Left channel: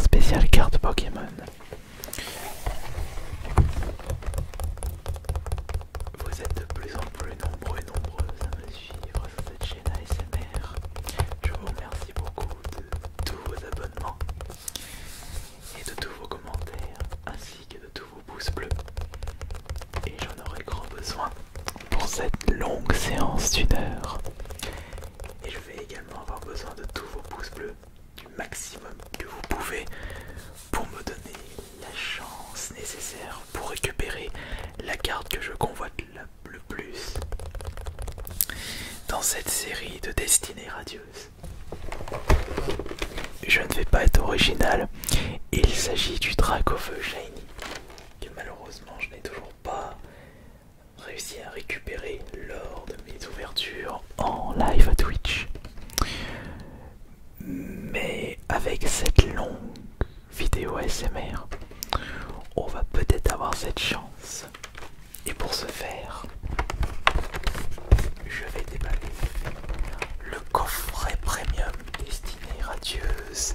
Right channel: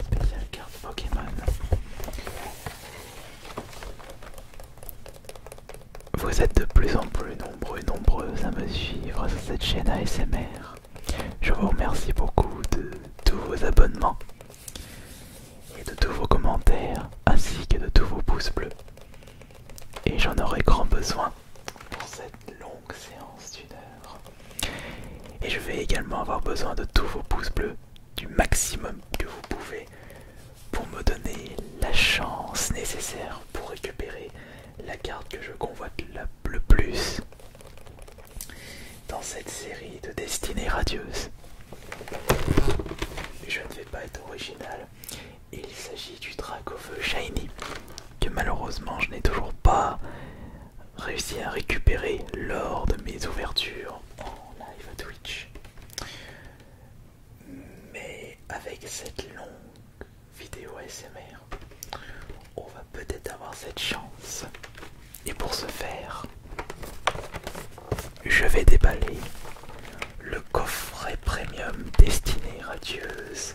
spécial carte Pokémon. Vous êtes de plus en plus nombreux et nombreuses à me suivre sur cette chaîne ASMR. Je vous remercie beaucoup de tous vos abonnements et de tous vos commentaires ainsi que de tous vos pouces bleus. Et j'en aurai grand besoin pour cette longue séance d'une heure. Et je vais également avoir besoin de tous vos pouces bleus, du maximum que vous pouvez, pour me donner la chance nécessaire pour récupérer la carte que je convoite le plus dans cette série de destinées radieuses. Je ne vais pas être original, il s'agit du Dracofeu Shiny, que malheureusement je n'ai toujours pas réussi à récupérer lors de mes ouvertures en live à Twitch. Mais avec cette longue vidéo ASMR, on va peut-être avoir cette chance. Et pour ce faire, je vais déballer le coffret premium Destinée Radieuse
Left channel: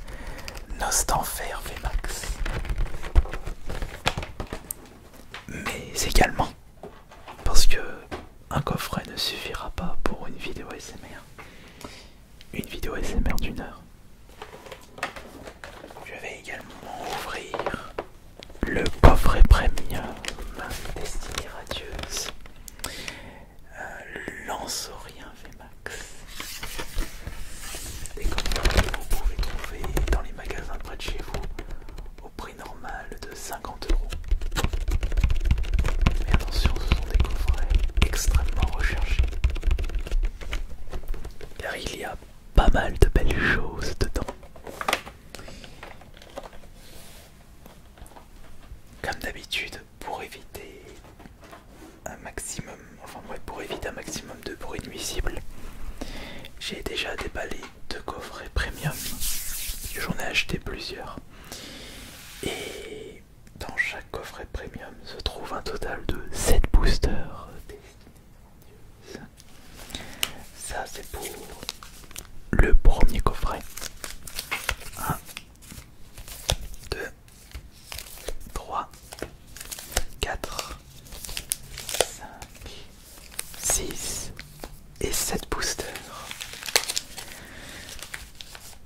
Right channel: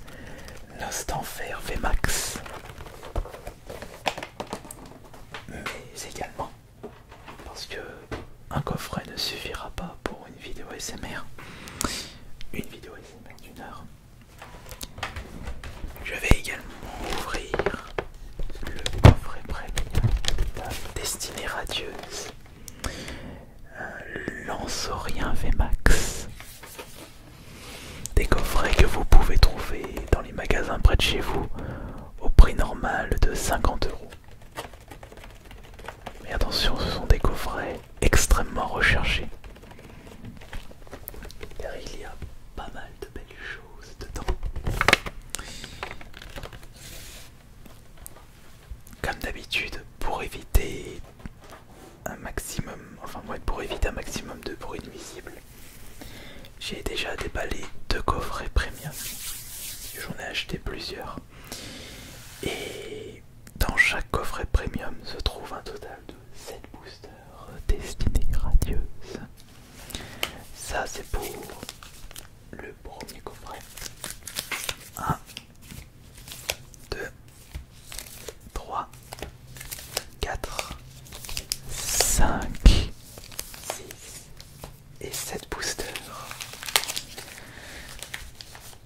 Nostanfer VMAX. Mais également, parce que un coffret ne suffira pas pour une vidéo ASMR. Une vidéo ASMR d'une heure. Je vais également ouvrir le coffret premium Destinée Radieuse Lanceorien VMAX. Des coffrets que vous pouvez trouver dans les magasins près de chez vous au prix normal de 50 €. Mais attention, ce sont des coffrets extrêmement recherchés, car il y a pas mal de belles choses dedans. Comme d'habitude, pour éviter un maximum, de bruit nuisible, j'ai déjà déballé 2 coffrets premium. J'en ai acheté plusieurs. Et dans chaque coffret premium se trouve un total de 7 boosters Destinée Radieuse. Ça c'est pour le premier coffret. 1, 2, 3, 4, 5, 6 et 7 boosters.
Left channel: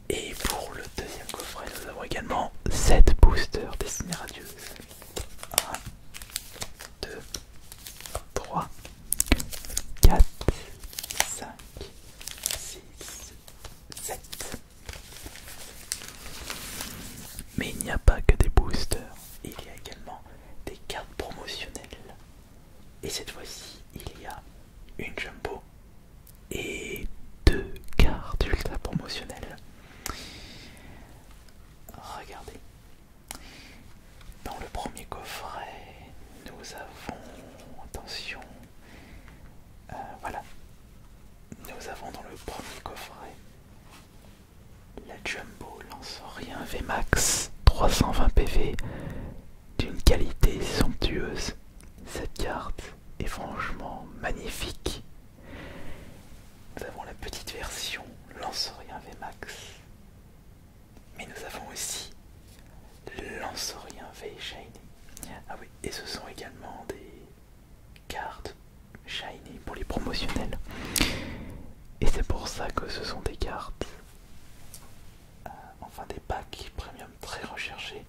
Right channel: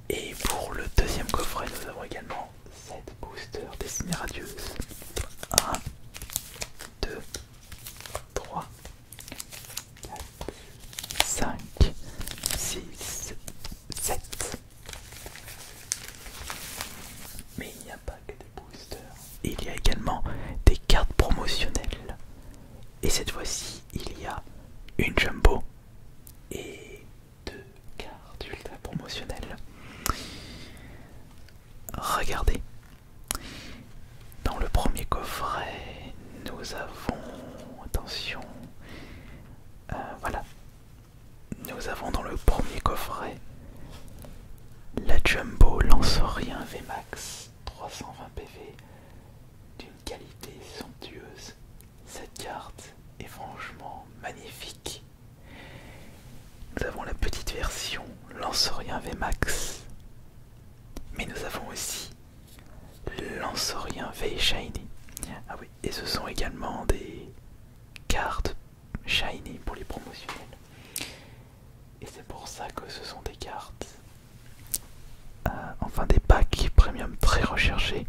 Et pour le deuxième coffret, nous avons également 7 boosters Destinée Radieuse. 1, 2, 3, 4, 5, 6, 7. Mais il n'y a pas que des boosters, il y a également des cartes promotionnelles. Et cette fois-ci, il y a une jumbo et 2 cartes ultra promotionnelles. Regardez, dans le premier coffret, nous avons, attention, voilà, nous avons dans le premier coffret la Jumbo Lanceorien VMAX 320 PV d'une qualité somptueuse. Cette carte est franchement magnifique. Nous avons la petite version Lanceorien VMAX, mais nous avons aussi Lanceorien V Shiny. Ah oui, et ce sont également des cartes Shiny pour les promotionnels. Et c'est pour ça que ce sont des cartes, enfin des packs premium très recherchés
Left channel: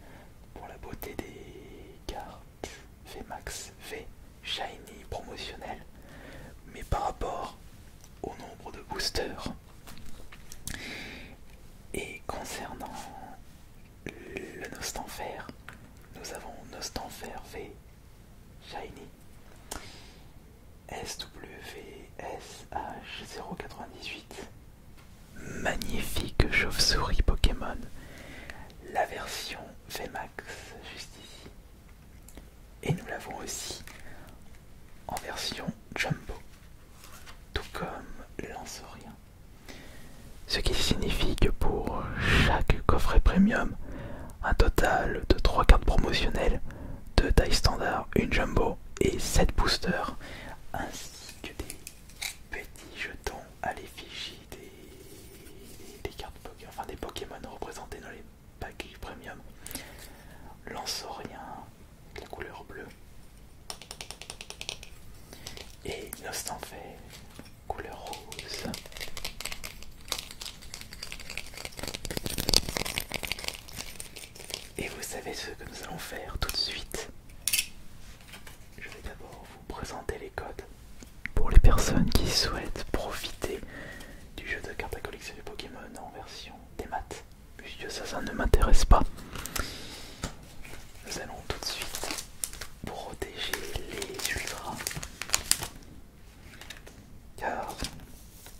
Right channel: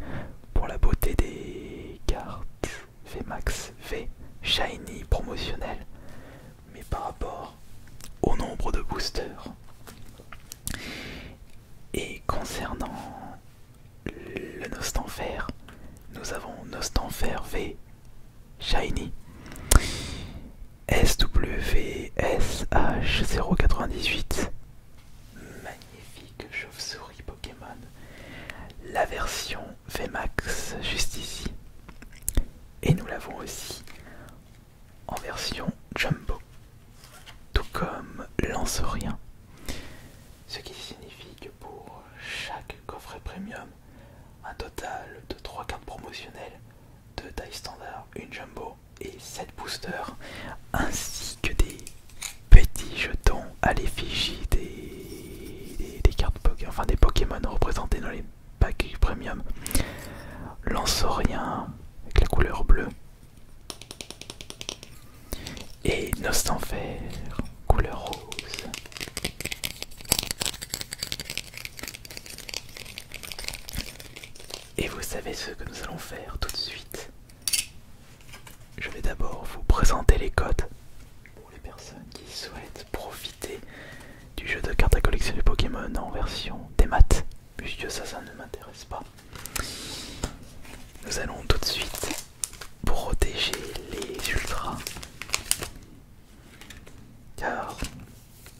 pour la beauté des cartes VMAX V Shiny promotionnelles, mais par rapport au nombre de boosters. Et concernant le Nostanfer, nous avons Nostanfer V Shiny SWSH098, magnifique chauve-souris Pokémon, la version VMAX juste ici. Et nous l'avons aussi en version Jumbo, tout comme Lanceorien. Ce qui signifie que pour chaque coffret premium, un total de 3 cartes promotionnelles, 2 tailles standard, une jumbo et 7 boosters, ainsi que des petits jetons à l'effigie des cartes Pokémon, enfin des Pokémon représentés dans les packs premium, Et vous savez ce que nous allons faire tout de suite. Je vais d'abord vous présenter les codes pour les personnes qui souhaitent profiter du jeu de cartes à collectionner Pokémon en version des maths, puisque ça ne m'intéresse pas. Nous allons tout de suite protéger les ultras, car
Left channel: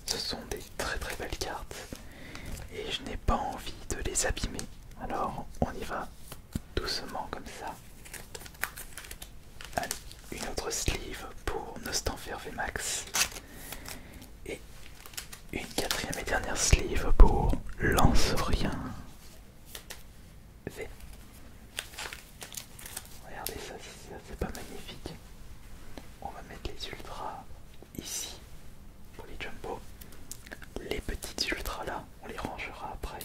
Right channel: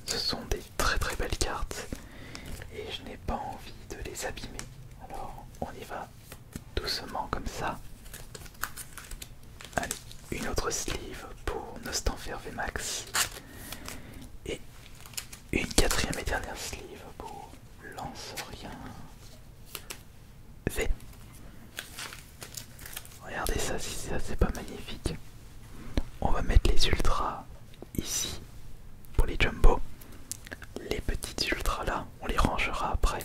ce sont des très très belles cartes et je n'ai pas envie de les abîmer. Alors on y va doucement comme ça. Allez, une autre sleeve pour Nostanfer VMAX et une quatrième et dernière sleeve pour Lanceurien V. Regardez ça, si ça c'est pas magnifique. On va mettre les ultras ici pour les jumbo. Les petites ultras là, on les rangera après.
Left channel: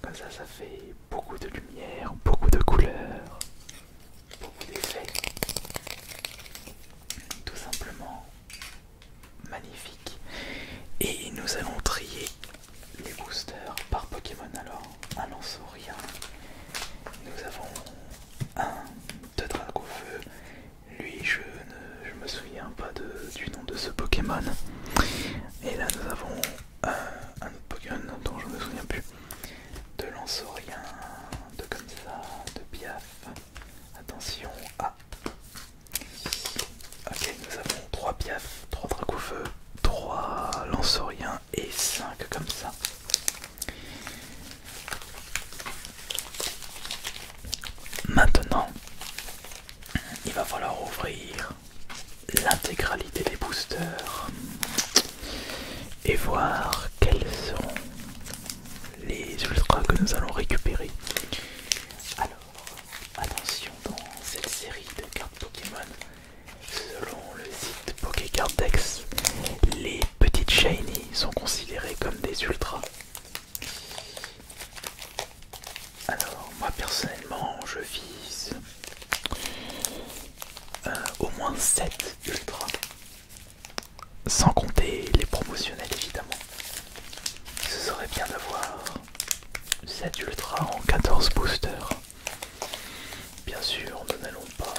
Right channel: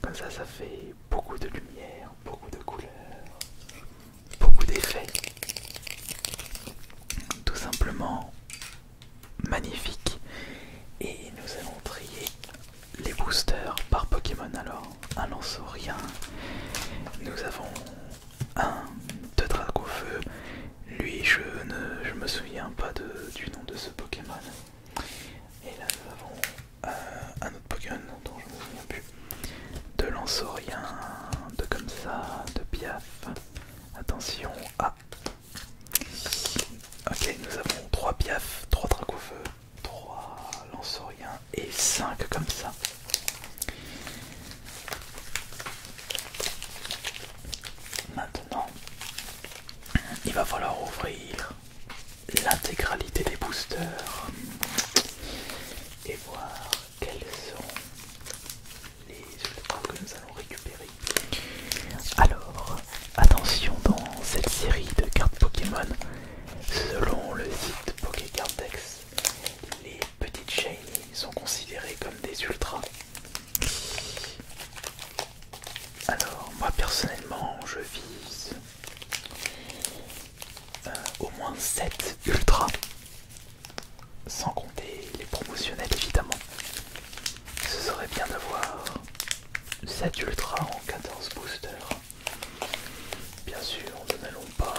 Comme ça, ça fait beaucoup de lumière, beaucoup de couleurs, beaucoup d'effets. Tout simplement magnifique. Et nous allons trier les boosters par Pokémon. Alors, un Lanceurien. Nous avons un de Dracofeu. Lui, je me souviens pas du nom de ce Pokémon. Et là, nous avons un autre Pokémon dont je me souviens plus. De Lanceurien, de comme ça, de Piaf. Attention, ok, nous avons 3 Piaf, 3 Dracofeu, 3 Lanceuriens et 5 comme ça. Maintenant, il va falloir ouvrir l'intégralité des boosters et voir quels sont les ultras que nous allons récupérer. Alors, attention, dans cette série de cartes Pokémon, selon le site Pokécardex, les petites shiny sont considérées comme des ultras. Alors, moi personnellement, je vise au moins 7 ultras, sans compter les promotionnels évidemment. Ce serait bien d'avoir 7 ultras en 14 boosters. Bien sûr, nous n'allons pas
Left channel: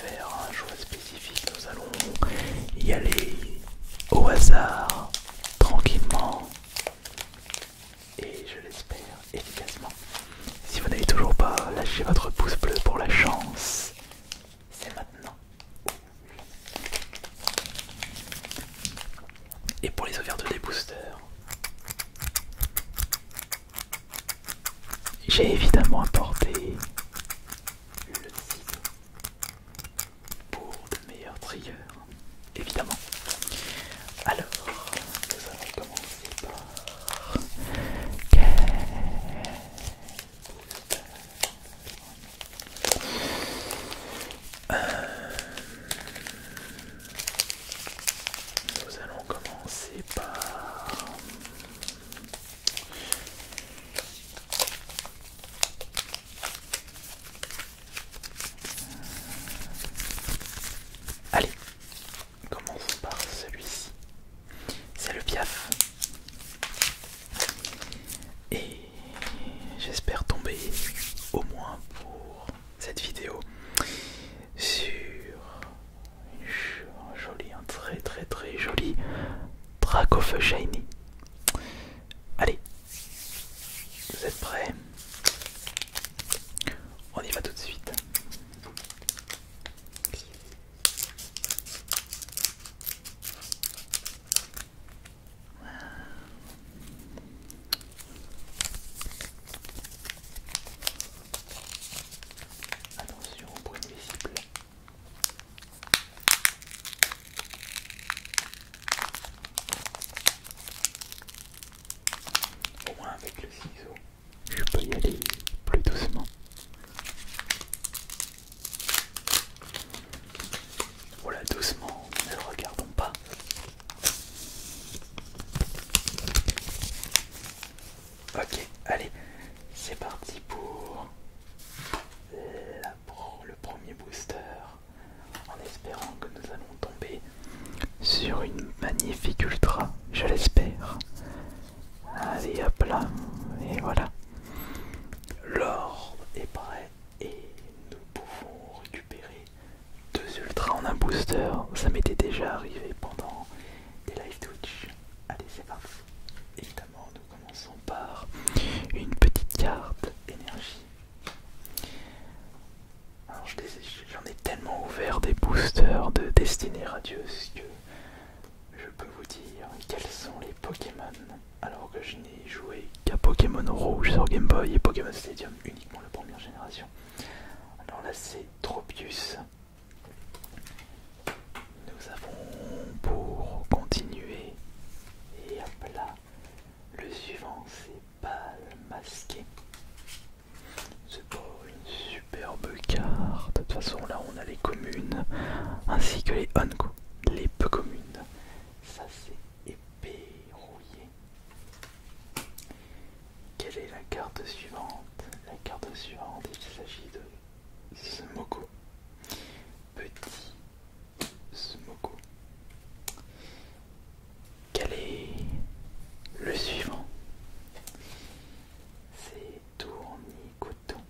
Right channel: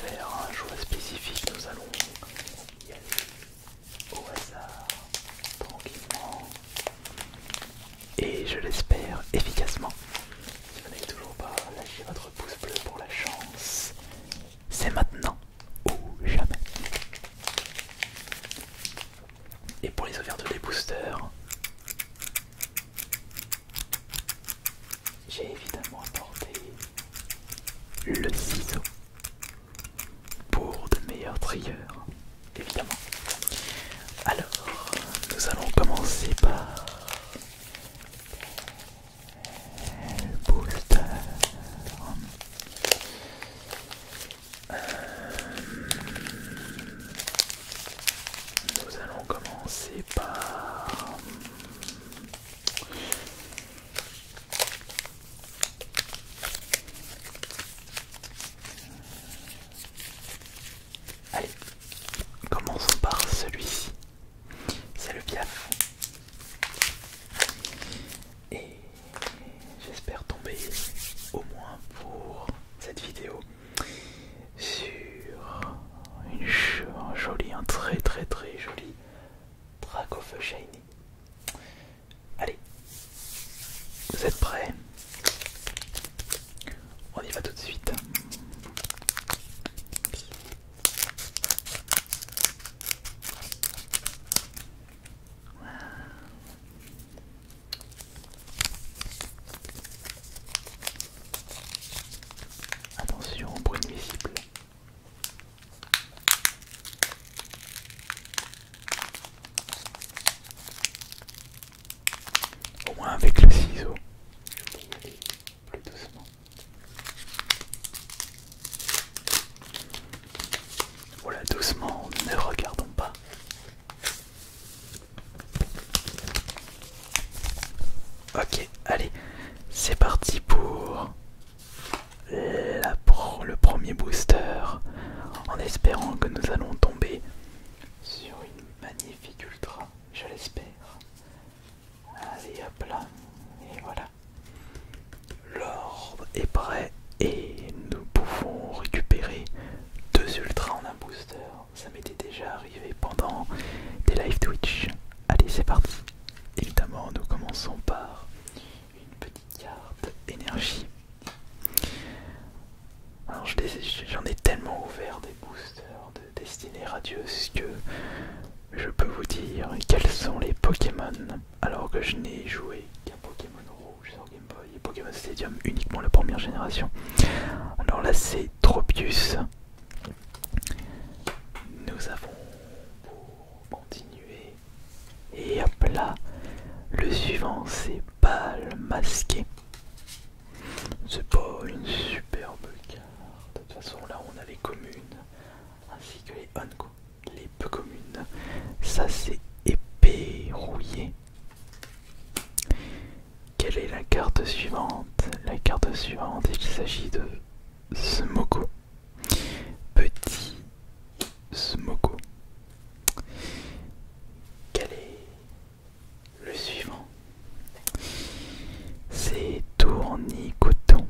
faire un choix spécifique, nous allons y aller au hasard, tranquillement, et je l'espère efficacement. Si vous n'avez toujours pas lâché votre pouce bleu pour la chance, c'est maintenant ou jamais. Et pour les ouvertures des boosters, j'ai évidemment apporté le ciseau pour de meilleurs trieurs, évidemment. Alors, nous allons commencer par quel booster? Nous allons commencer par... Allez, commençons par celui-ci. C'est le Piaf. Et j'espère tomber, au moins pour cette vidéo, sur un joli, un très très très joli Dracofeu Shiny. Allez, vous êtes prêts? On y va tout de suite. Attention au bruit invisible. Au moins avec le ciseau, je peux y aller plus doucement. Voilà, doucement, ne regardons pas. Ok, allez, c'est parti pour le premier booster, en espérant que nous allons tomber sur une magnifique ultra, je l'espère. Allez hop là, et voilà. parti. Évidemment, nous commençons par une petite carte énergie. Alors j'en ai tellement ouvert des boosters de Destinée Radieuse que je peux vous dire quels sont les Pokémon, alors que je n'ai joué qu'à Pokémon Rouge sur Game Boy et Pokémon Stadium uniquement la première génération. Alors là c'est Tropius. Nous avons pour continuer, et hop là, le suivant c'est Balle Masqué. C'est pas une superbe carte, de toute façon là on a les communes ainsi que les Honko, les peu communes. Ça c'est épée rouillée. Quelle est la carte suivante? La carte suivante, il s'agit de Smoko. Petit Smoko. Quel est le suivant? C'est Tournicoton.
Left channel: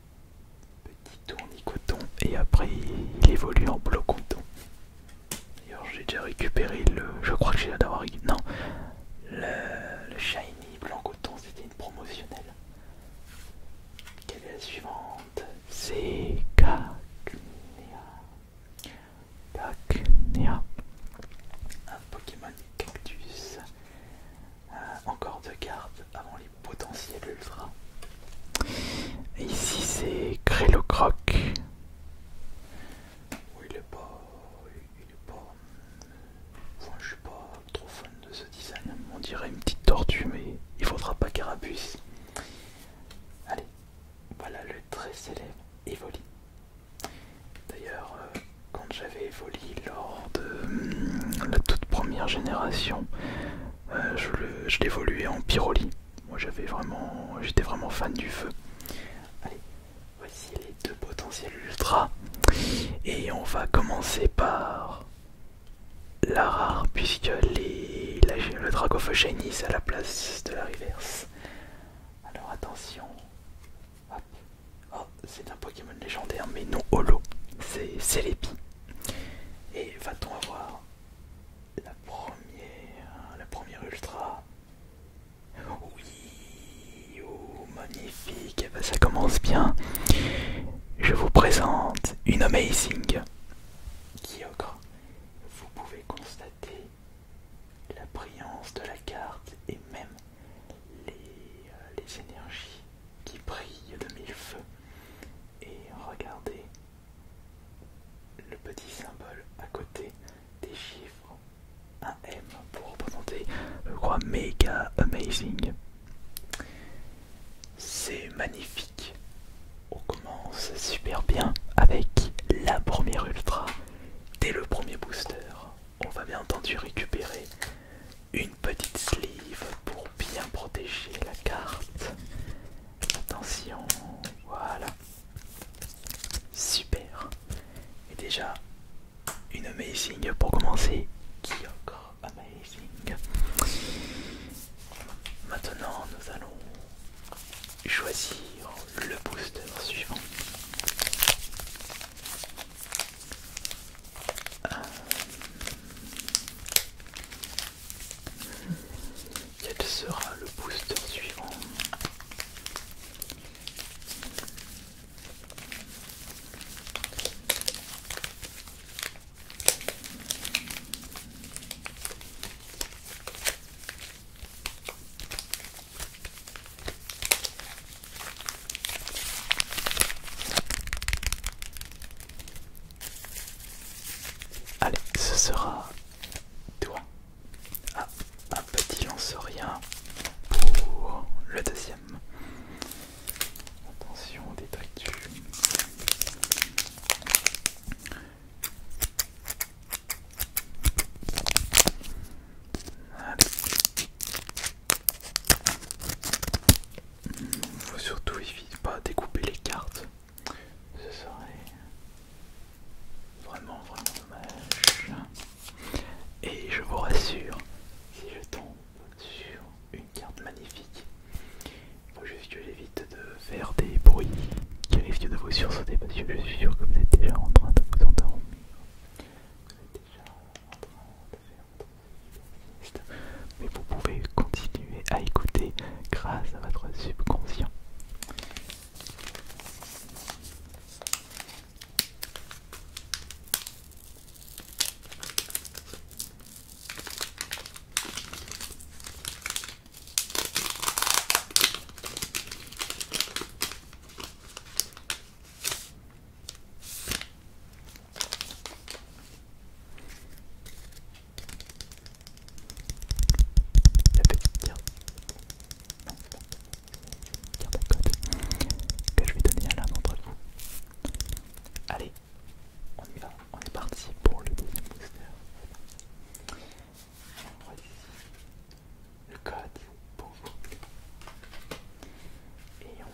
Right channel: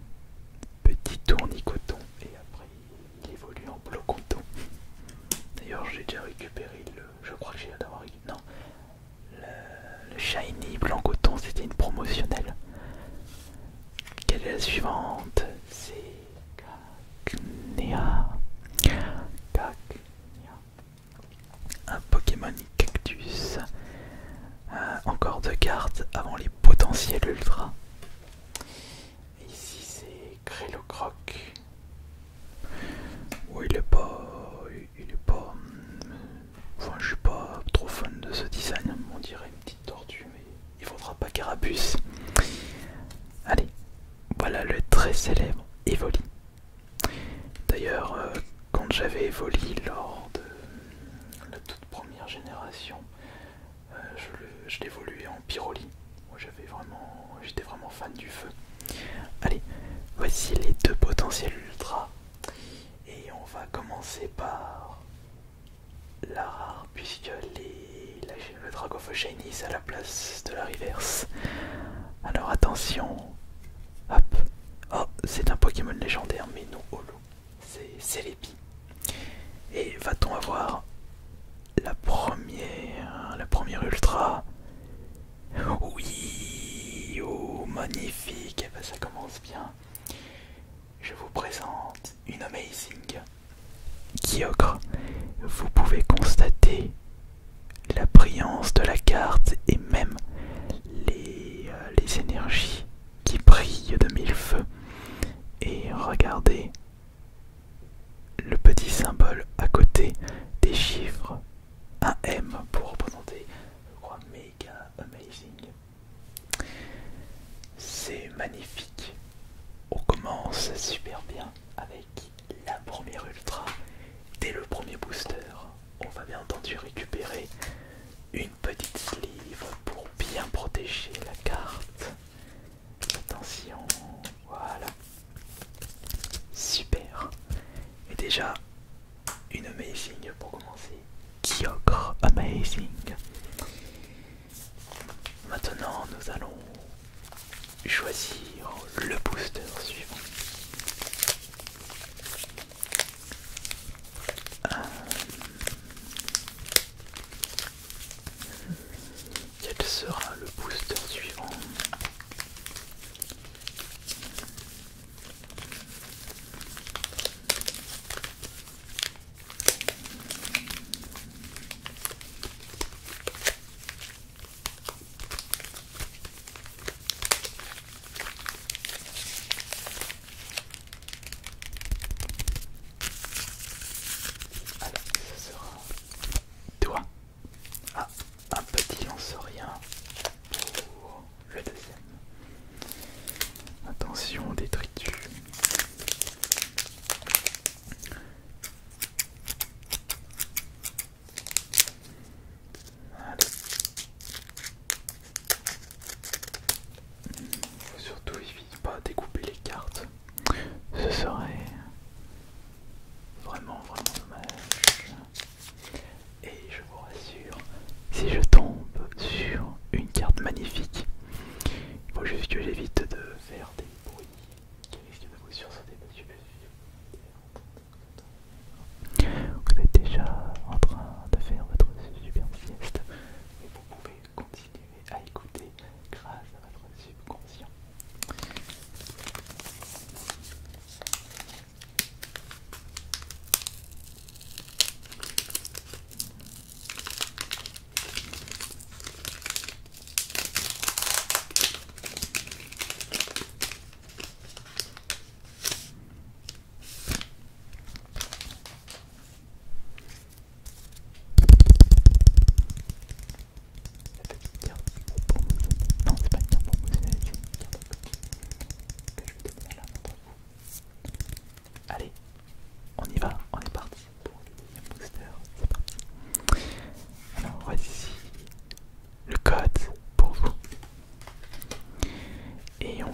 Petit Tournicoton. Et après il évolue en Blocoton. D'ailleurs j'ai déjà récupéré le... Je crois que j'ai d'avoir... Non. Le Shiny Blanc Coton, c'était une promotionnelle. Quelle est la suivante? C'est Cacnea. Cacnea. Un Pokémon Cactus. Encore deux cartes avant les potentiels ultra. Et ici c'est Grélocroc. Oh, il est pas... Enfin, je suis pas trop fan de ce design. On dirait une petite tortue, mais il faudra pas Carapuce. Allez, voilà le très célèbre Evoli. D'ailleurs, quand j'avais Evoli lors de la toute première génération, je l'évoluais en Pyroli. Moi j'étais vraiment fan du feu. Allez, voici les deux potentiels ultra. Et on va commencer par la rare, puisque le Dragofeu Shiny c'est à la place de la reverse. Alors attention. Hop. Oh, c'est un Pokémon légendaire mais non holo. C'est Celebi. Et va-t-on avoir la première ultra? Oui, oh magnifique, ben, ça commence bien. Je vous présente une Amazing Kyogre. Vous pouvez constater la brillance de la carte et même les énergies qui brillent de mille feux. Et regardez le petit symbole à côté des chiffres, un M pour représenter, je crois, méga amazing. C'est magnifique. On commence super bien avec la première ultra. Dès le premier booster, on va bien entendu récupérer une petite sleeve pour bien protéger la carte. Attention, voilà. Super. Et déjà, une amazing pour commencer. Kyogre amazing. Maintenant, nous allons choisir le booster suivant. Quel sera le booster suivant?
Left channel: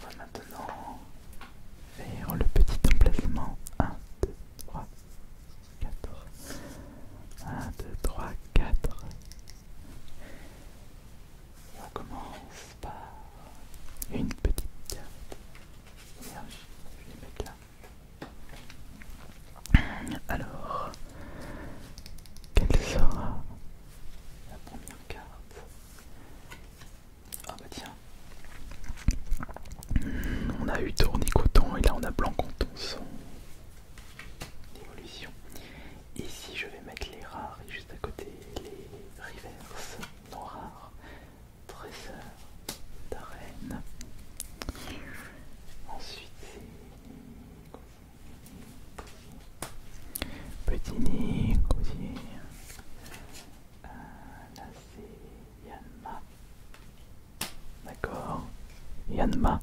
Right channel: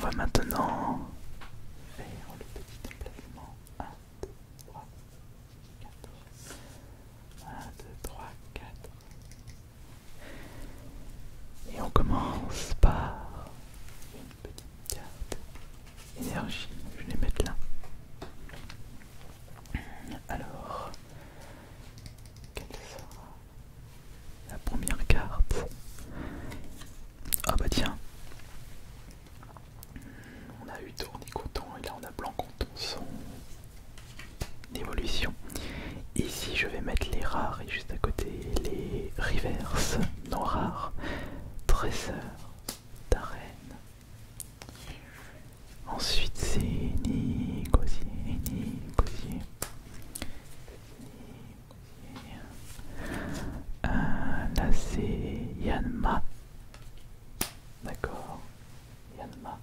va maintenant faire le petit emplacement. 1, 2, 3, 4. 1, 2, 3, 4. Et on commence par une petite carte énergie. Je vais les mettre là. Alors, quelle sera la première carte? Ah bah tiens, on a eu tournicoton et là on a blanc coton son évolution. Ici je vais mettre les rares et juste à côté les reverse non rares. Trésor d'arène. Ensuite c'est Nicosier, petit Nicosier. Là c'est Yanma. D'accord, Yanma.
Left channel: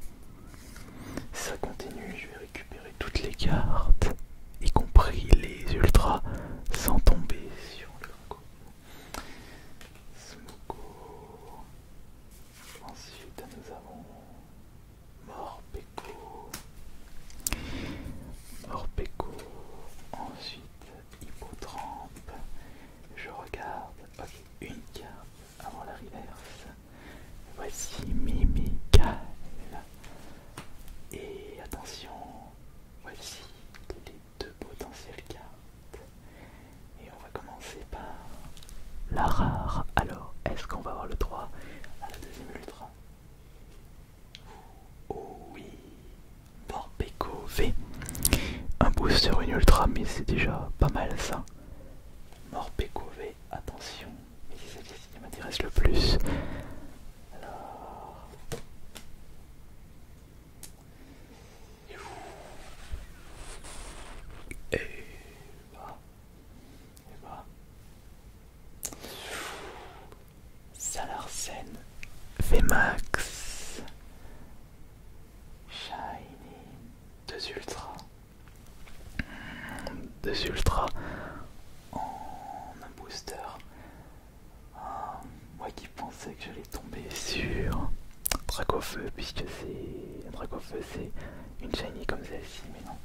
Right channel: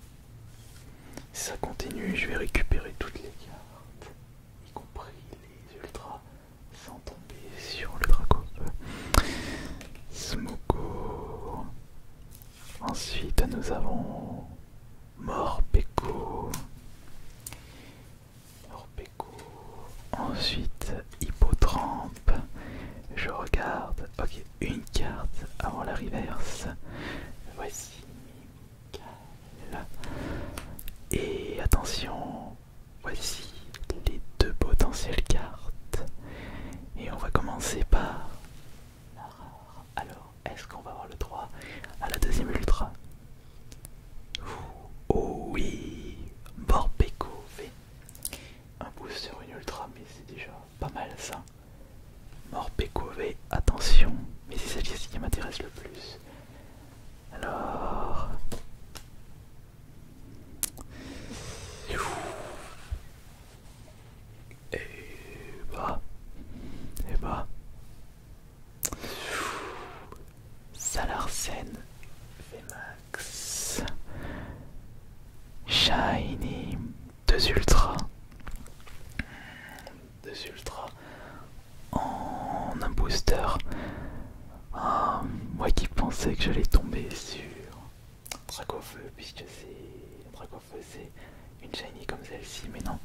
Ça continue, je vais récupérer toutes les cartes, y compris les ultras, sans tomber sur le Dracofeu. Smogo. Ensuite nous avons Morpeko. Ensuite Hippotrampe. Je regarde. Ok, une carte avant la reverse. Voici Mimical. Et attention, voici les deux potentielles cartes. Et on va commencer par la rare. Alors, est-ce qu'on va avoir le droit à la deuxième ultra? Oh oui, Morpeko V. Un booster, une ultra, mais c'est déjà pas mal ça. Morpeko V, attention, mais c'est celle-ci qui m'intéresse le plus. Alors... Et bah... Salarsen, VMAX, Shiny, deux ultras en un booster. Ah, moi qui pensais que j'allais tomber sur Dracofeu, puisque c'est Dracofeu, c'est une shiny comme celle-ci, mais non.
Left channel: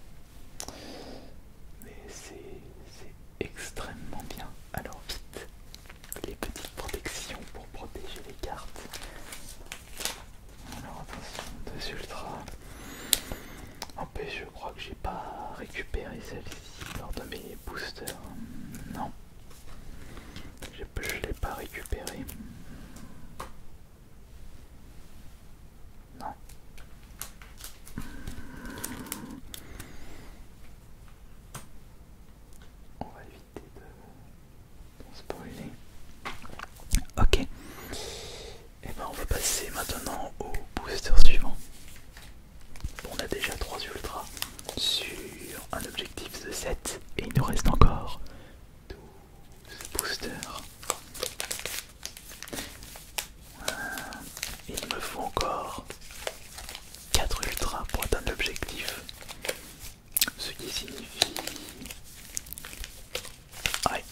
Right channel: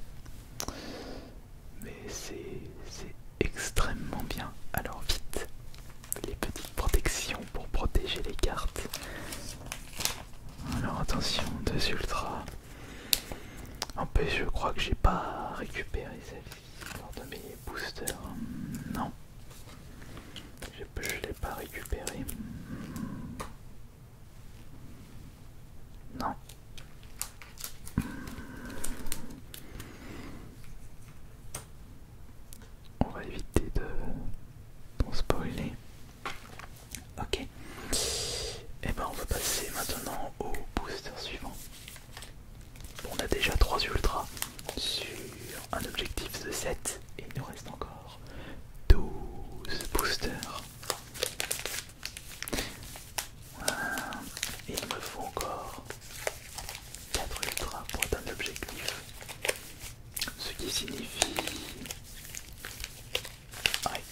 Mais c'est extrêmement bien. Alors vite, les petites protections pour protéger les cartes. Alors attention, deux ultras. En plus, je crois que j'ai pas récupéré celle-ci lors de mes boosters. Non, je l'ai pas récupéré. Non. On va éviter de spoiler. Ok. Et ben on va passer maintenant au booster suivant. On a déjà 3 ultras sur un objectif de 7 et il nous reste encore 12 boosters. Et il me faut encore 4 ultras pour atteindre l'objectif. Ce qui signifie... Ouais.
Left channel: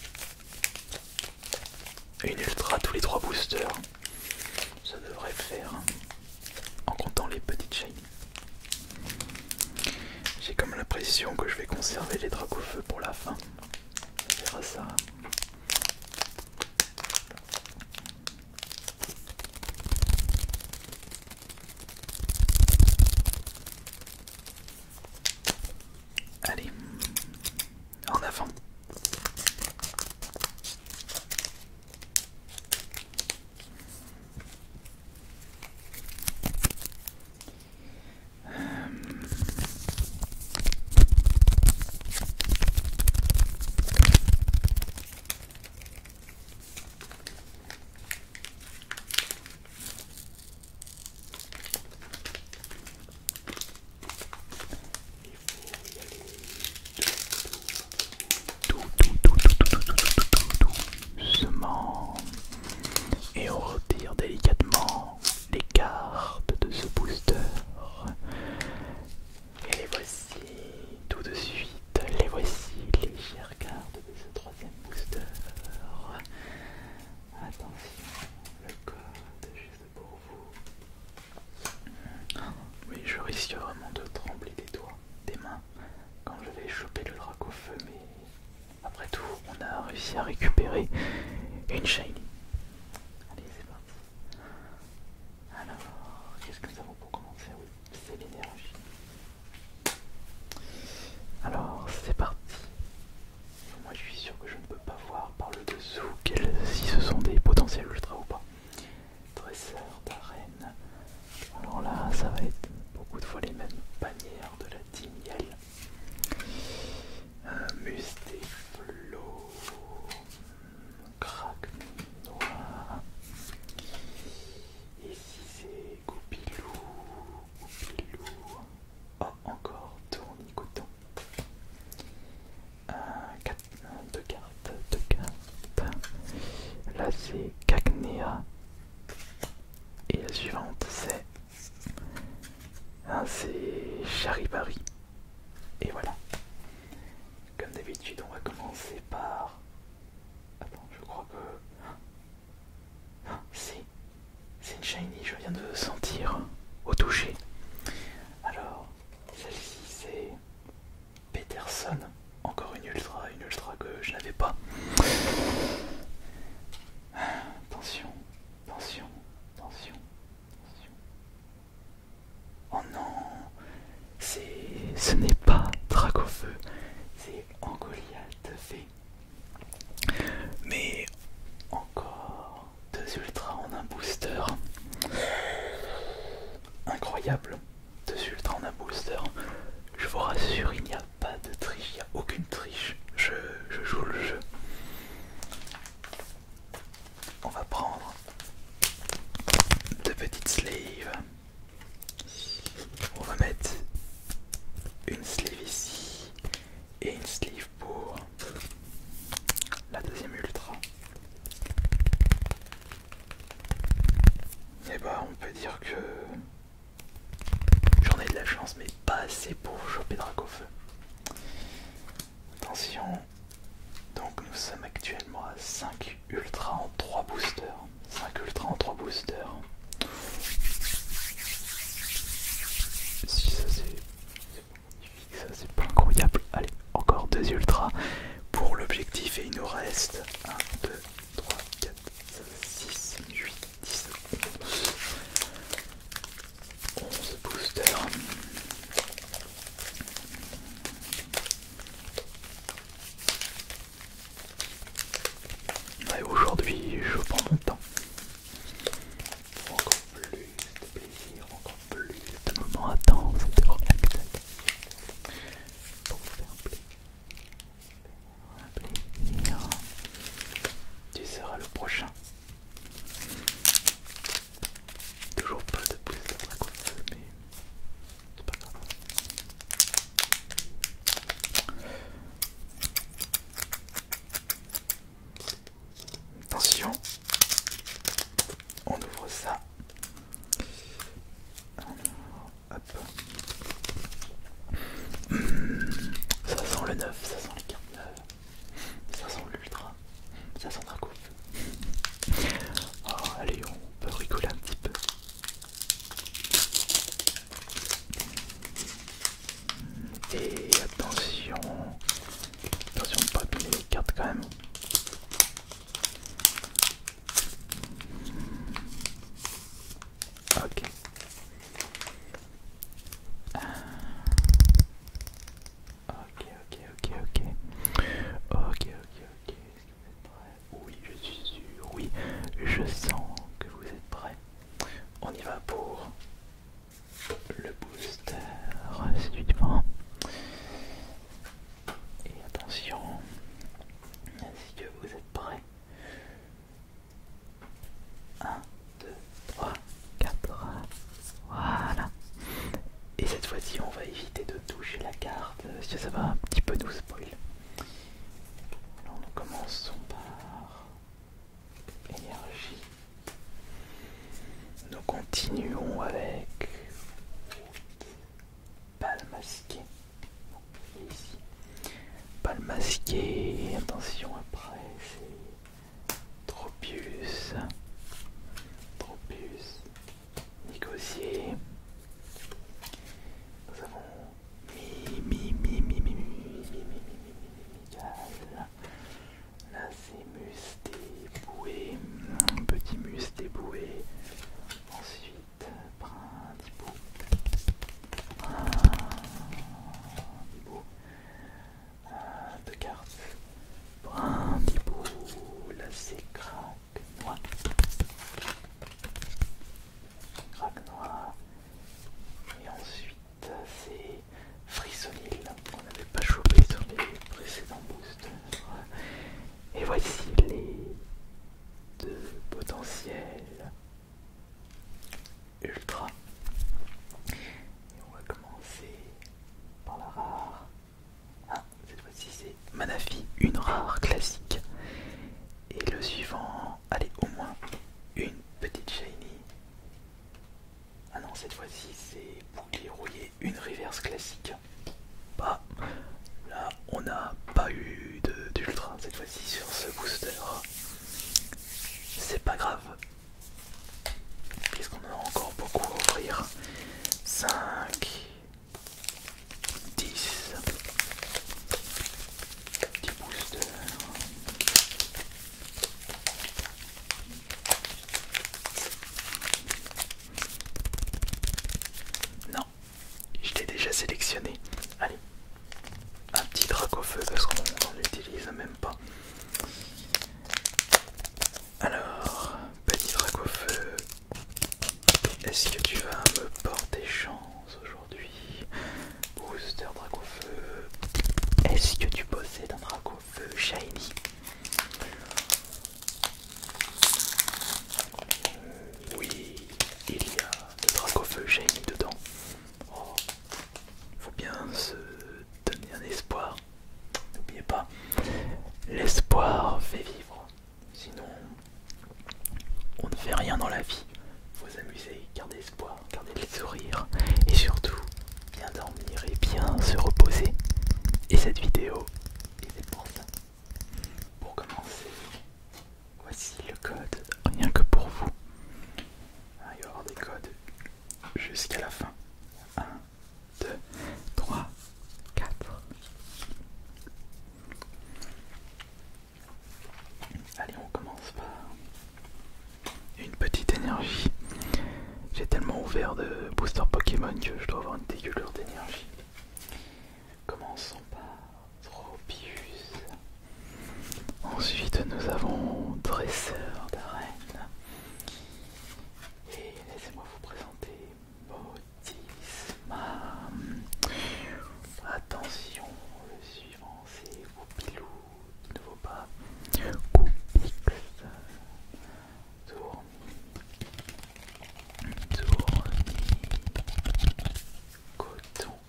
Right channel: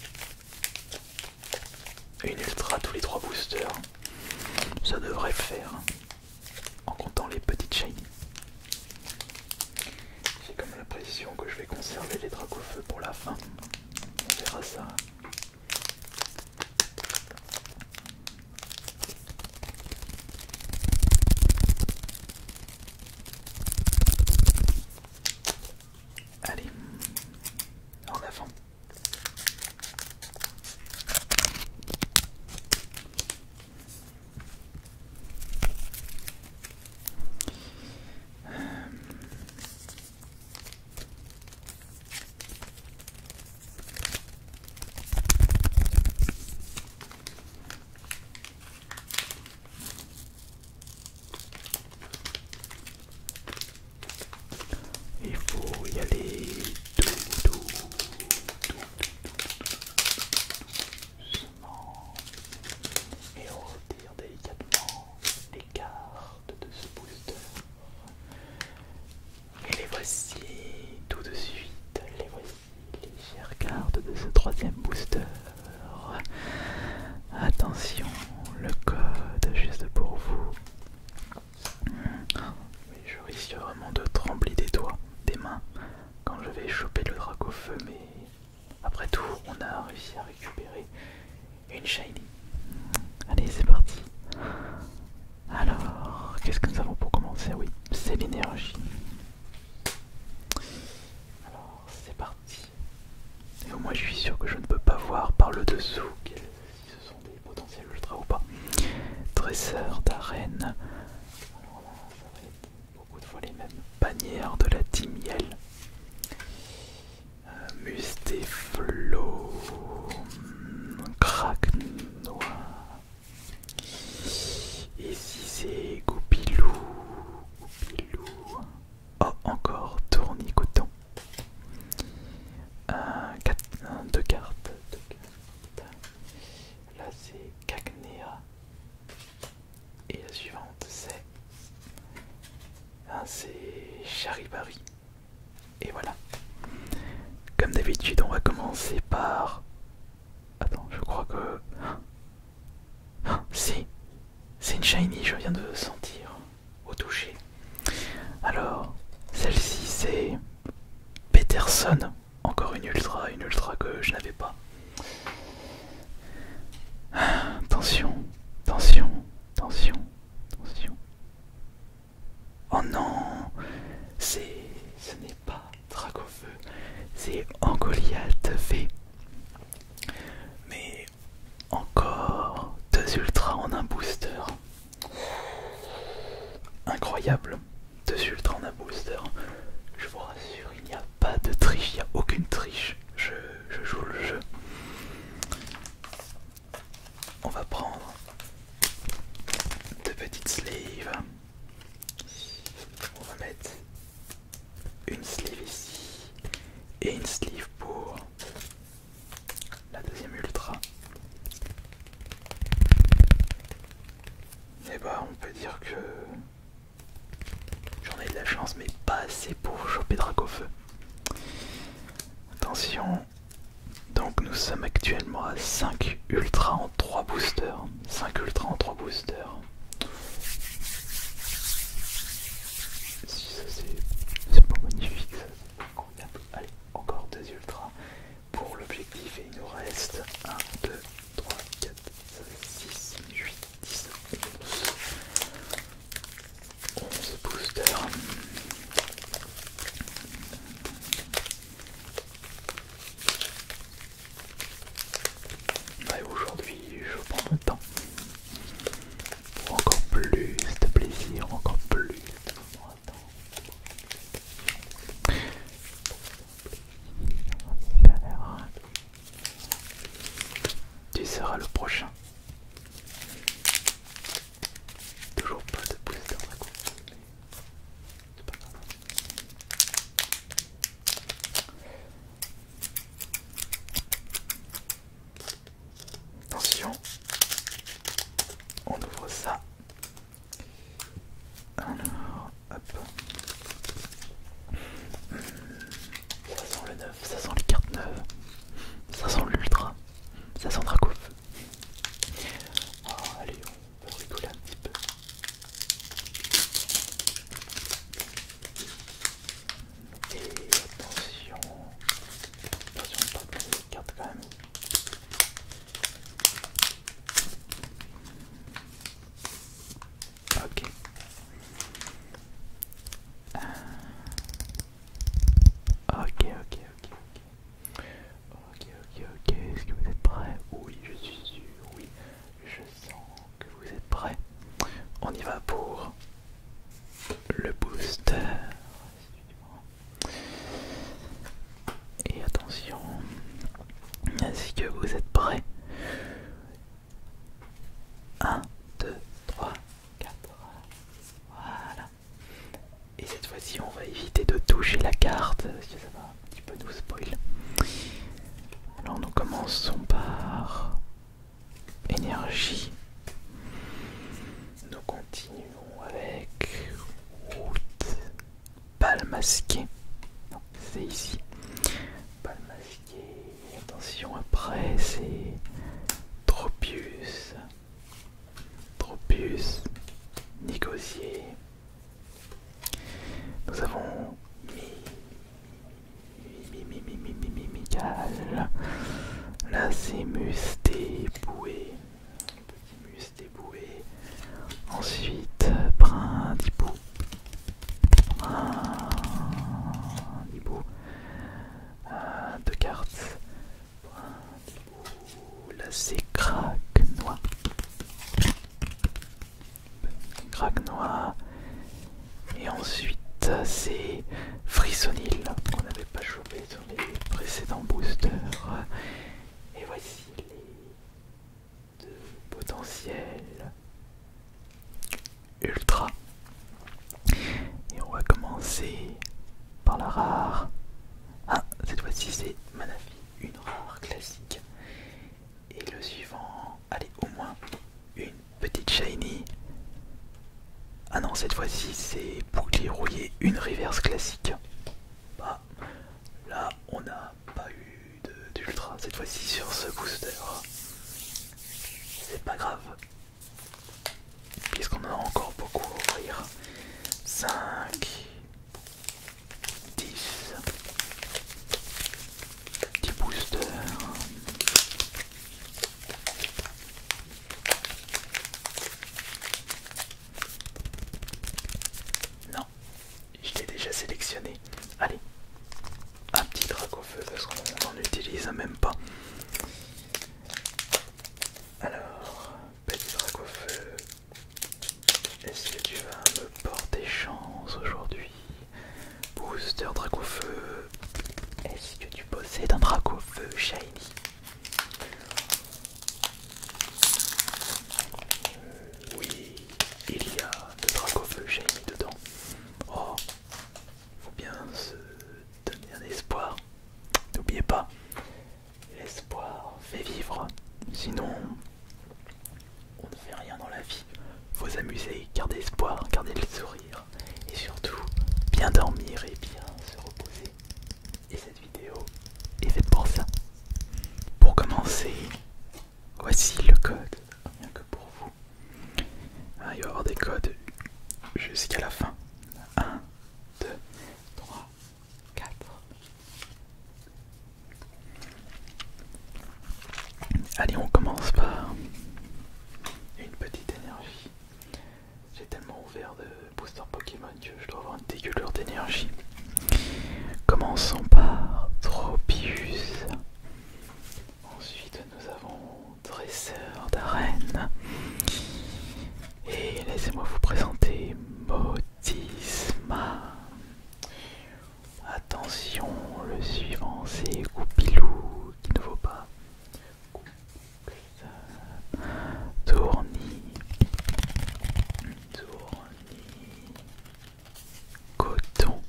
Une ultra tous les 3 boosters. Ça devrait le faire. En comptant les petites chaînes. J'ai comme l'impression que je vais conserver les Dracofeu pour la fin. On verra ça. Allez, en avant. entraîneur d'arène. Alors là, ça va être beaucoup de fois les mêmes bannières de la team Yell. Mustéflo, Crack Noir. Ici c'est Goupilou. Oh, encore Tournicoton. Deux cartes. Là c'est Cagnéa. Et la suivante c'est Charibari. Et voilà. Comme d'habitude, on va commencer par... Attends, je crois que... C'est une shiny, je viens de le sentir au toucher. Alors, celle-ci c'est Peterson. Encore une ultra que je n'avais pas. Attention. Oh non, ce n'est pas Dracofeu, c'est Angoliath V. Mais encore deux ultras en un booster. Incroyable, deux ultras en un booster. Je vous rassure, il n'y a pas de triche, il n'y a aucune triche. Je joue le jeu. On va prendre deux petites sleeves. On va mettre une sleeve ici et une sleeve pour la deuxième ultra. Et bah on peut dire que j'en ai de la chance, mais pas assez pour choper Dracofeu. Attention, donc nous sommes actuellement à 5 ultras en 3 boosters. 5 ultras en 3 boosters. Si ça c'est pas magnifique, ça c'est pas incroyable. Allez, encore 2 ultras pour l'objectif et il nous reste 1, 2, 3, 4, 5, 6, 8, 10, 11 boosters. Ouais, aujourd'hui je prends mon temps pour encore plus de plaisir, encore plus de moments intenses et de relaxation. Tu seras le prochain. Toujours pas de booster Dracofeu, mais c'est pas grave. Attention, on ouvre ça. Alors, hop. Ça sent le neuf, ça sent les cartes neuves, ça sent l'ultra, ça sent Dracofeu. Oh, allez, on peut rigoler un petit peu. Et attention de pas abîmer les cartes quand même. Ok. Ok. Est-ce que vous êtes prêts? Oui, je suis sûr. Oui, je sens que vous êtes prêts. On y va pour le booster suivant. Et attention, est-ce que vous êtes prêts? 1, 2, 3, 4. Voilà. Et cette fois-ci, on va éviter de toucher la carte parce que ça va un petit peu nous spoil. Alors nous commençons par énergie. Nous continuons avec route, balle masquée. Non, c'est ici. Balle masquée. Attention, après c'est Tropius. Négocier. Nous avons Mimical. Là c'est Musté-Boué. Un petit Musté-Boué. Ensuite Brindibou. Deux cartes. Brindibou. Ensuite, c'est Frissonil qu'on n'avait pas chopé sur les précédents boosters. Et voici les deux potentiels ultra. Et on va commencer par la rare. Ah, cette fois-ci c'est Manafi, une rare classique. Et le suivant, allez, au moins une petite shiny. Ah non, cette fois-ci c'est bouclier rouillé, une reverse classique. Bah, là on n'a pas eu d'ultra cette fois-ci sur ce booster. C'est pas grave, puisqu'on en a encore beaucoup à ouvrir. 5, 10, 10 boosters. Non, je l'ai déjà sélectionné. Allez, un petit Dracofeu parce qu'on n'en utilise même pas. Alors, petit Dracofeu, est-ce que tu vas me porter chance aujourd'hui? Booster Dracofeu, est-ce que tu possèdes un Dracofeu shiny? Oui, il y a le Dracofeu shiny dedans. Oh, faut bien se donner un espoir. N'oubliez pas, l'espoir fait vivre. Sinon, on ne fait rien dans la vie. Faut s'amuser, garder espoir, garder le sourire. Et surtout, bien dormir et bien se reposer. Et cette vidéo est faite pour ça. Pour commencer, voici le code, rien que pour vous. Ah, il va y avoir des codes jusqu'à la fin. 1, 2, 3, 4. Allez, on commence par une petite énergie. J'ai tellement ouvert de booster Pokémon que je dois avoir une dégueulure d'énergie. Commençons par Tropius. Ensuite, nous avons Dresseur d'arène. Et laissez-moi vous présenter Motisma. Attention, le suivant c'est Goupilou, qui ne vaut pas Goupix, Tourny, Coton.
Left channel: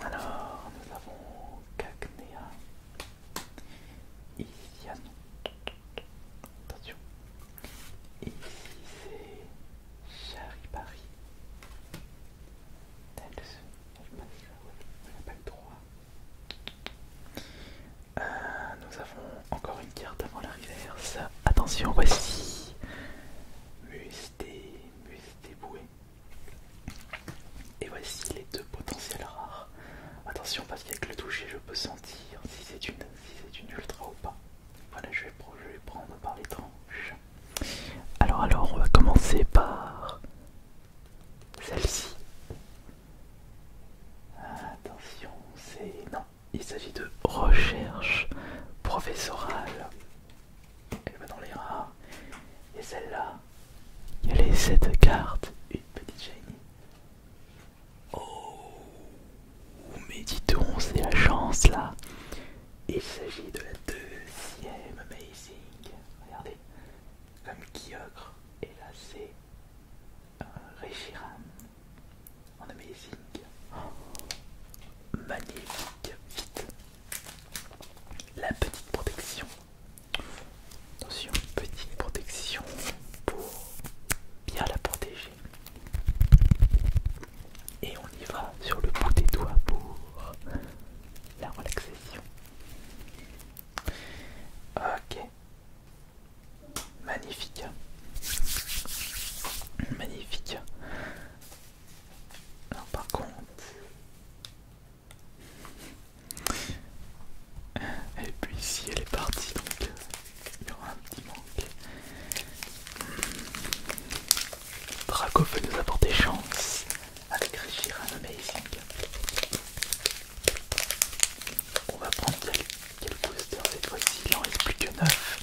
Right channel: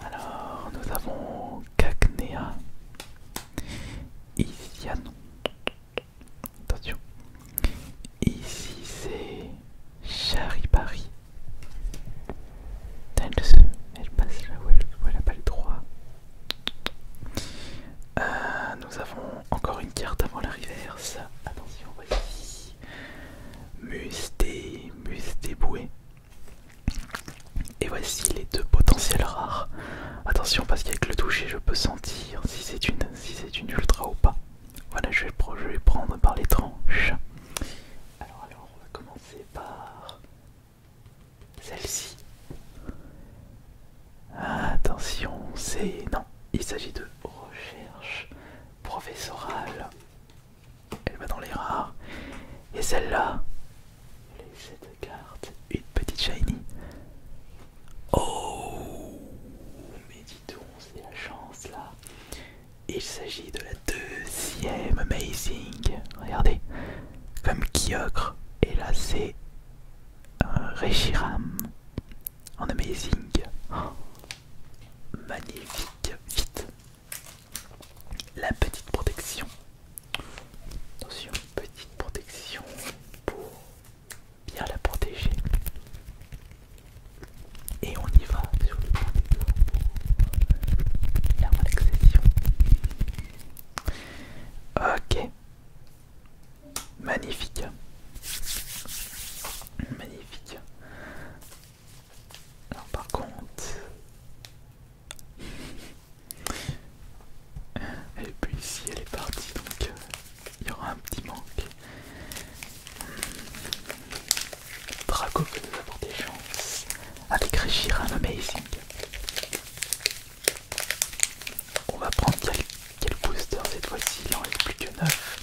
Alors, nous avons Cacnea, Isianon. Attention, ici c'est Charibari. Elle passe là où elle n'a pas le droit. Nous avons encore une carte avant la reverse. Attention, voici Mustéboué. Et voici les deux potentiels rares. Attention parce qu'avec le toucher je peux sentir si c'est une ultra ou pas. Voilà, je vais prendre par les tranches. Alors on va commencer par celle-ci. Attention, non, il s'agit de recherche professorale. Elle va dans les rares. Et celle-là, il y a les 7 cartes, une petite shiny. Oh, mais dis donc, c'est la chance là. Il s'agit de la deuxième Amazing. Regardez, comme Kyogre. Et là, c'est un Reshiram en Amazing. Oh, magnifique. Vite. La petite protection. Attention, petite protection pour bien la protéger. Et on y va sur le bout des doigts pour la relaxation. Ok. Magnifique. Magnifique. Alors par contre, elle est plus ici, elle est partie, donc il y aura un petit manque. Draco peut nous apporter chance avec Reshiram Amazing. On va prendre quel booster cette fois-ci, il en reste plus que 9.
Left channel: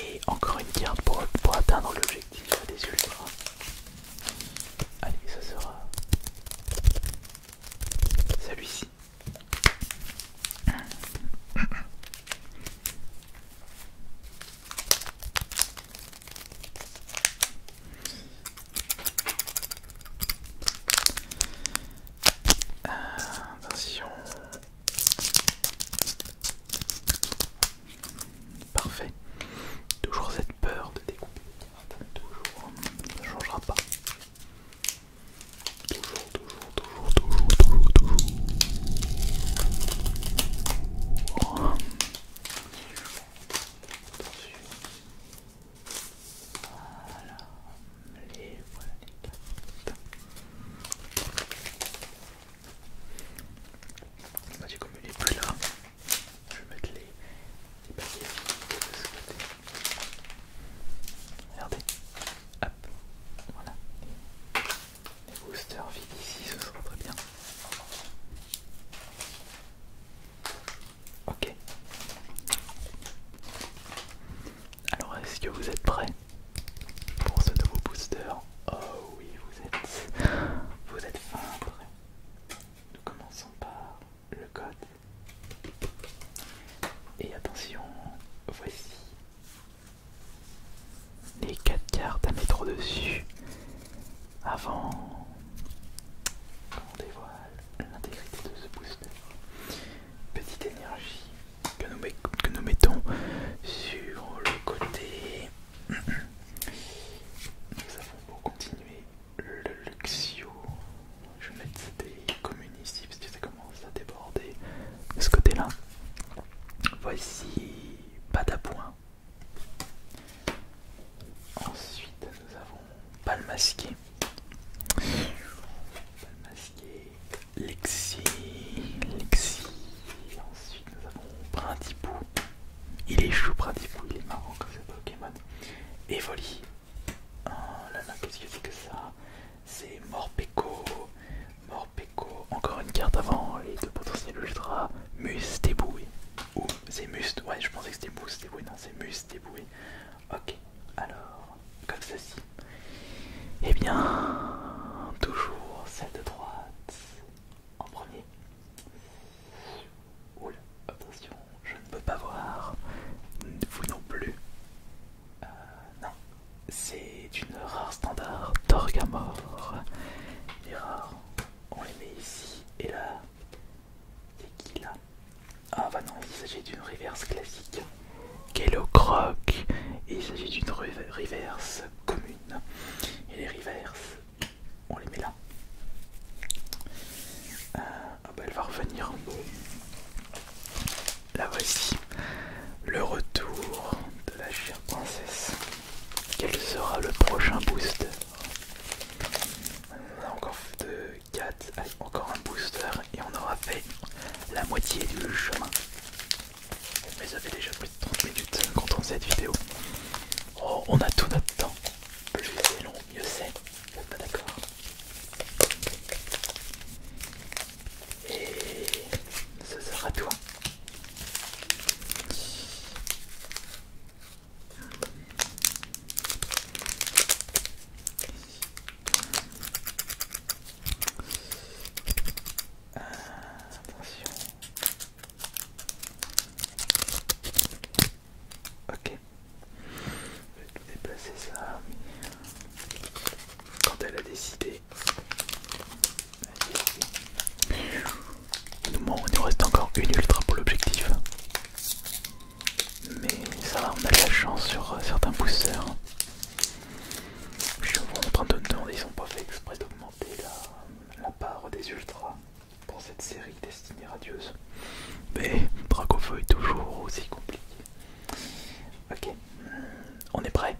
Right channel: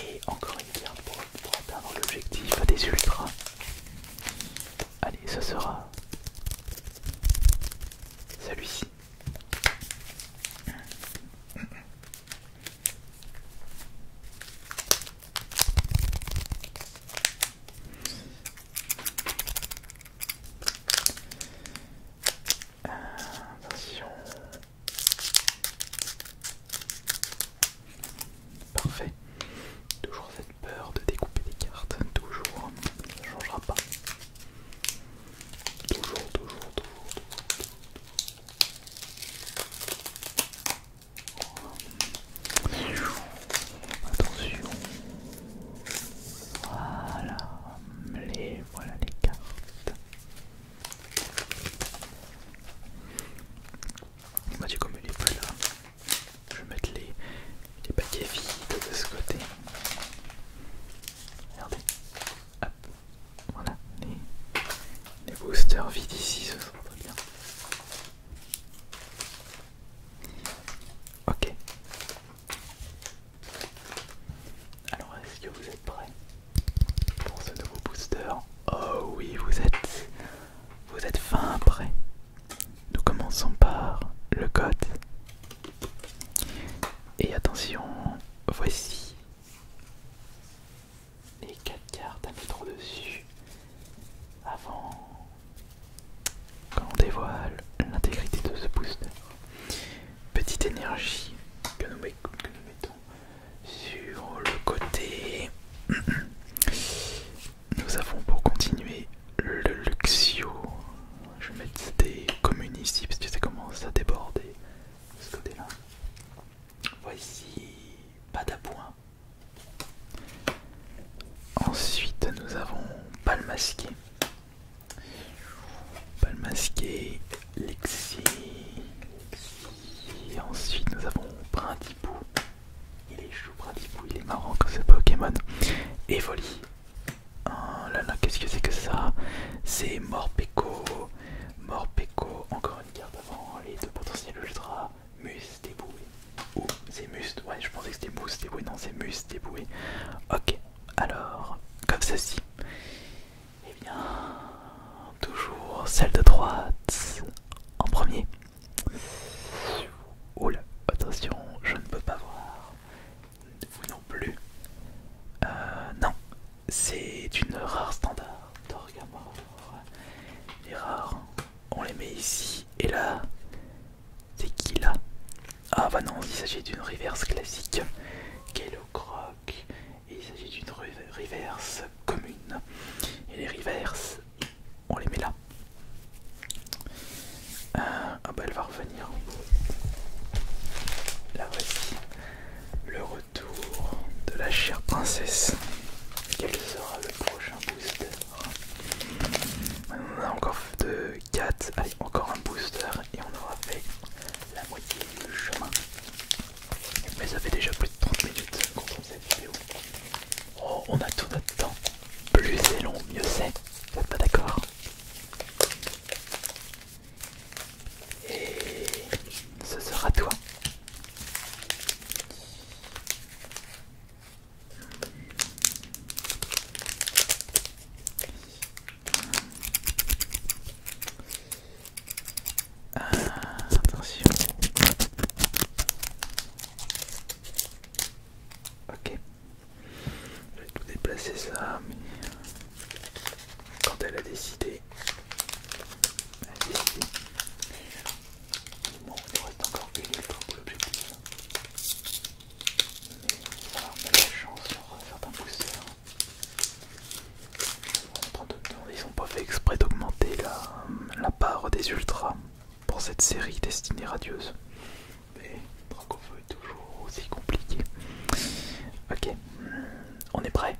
Et encore une carte pour atteindre l'objectif des ultras. Allez, ce sera avant qu'on dévoile l'intégrité de ce booster, petite énergie que nous mettons sur le côté. Nous avons pour continuer le Luxio. Je vais mettre des communes ici parce que ça commence à déborder de ce côté là. Voici Patapoint. Ensuite nous avons Palmasqué. Palmasqué, Lexi. Ensuite nous avons Brindipou. Il est chou Brindipou, il est marrant comme ce Pokémon. Evoli. Oh là là, qu'est-ce que c'est que ça? C'est Morpeko. Morpeko, encore une carte avant les deux potentiels ultra. Mustéboué. Ou c'est Must, ouais je pensais que c'était Mustéboué, non c'est Mustéboué. Ok, alors, comme ceci. Eh bien, toujours celle de droite en premier. Oula, attention, je ne peux pas voir. Vous non plus. Non, c'est une rare standard Torgamore. Les rares, on les met ici. Et là, c'est qui là? Ah bah non, il s'agit d'une reverse classique. Kellocroc. Et il s'agit d'une reverse commune. Et les reverses, on les met là. Ah bah elle va revenir. La voici. Le retour de la chère princesse. Quel sera le prochain booster? On a encore de 4, allez encore un booster et on aura fait la moitié du chemin. Mais ça fait déjà plus de 30 minutes qu'on tourne cette vidéo. Oh, on a tout notre temps. Plus c'est long, mieux c'est. Vous êtes pas d'accord? Et ce sera toi. Attention. Ok. Je vais tout déplacer ça, mais quand elle a décidé, il nous reste encore une ultra pour l'objectif. Mais ça va, on a de la chance sur certains boosters. Je suis en train de me demander, ils ont pas fait exprès d'augmenter la part des ultras pour cette série destinée radieuse. Mais Dracofeu est toujours aussi compliqué. Ok, on est prêt.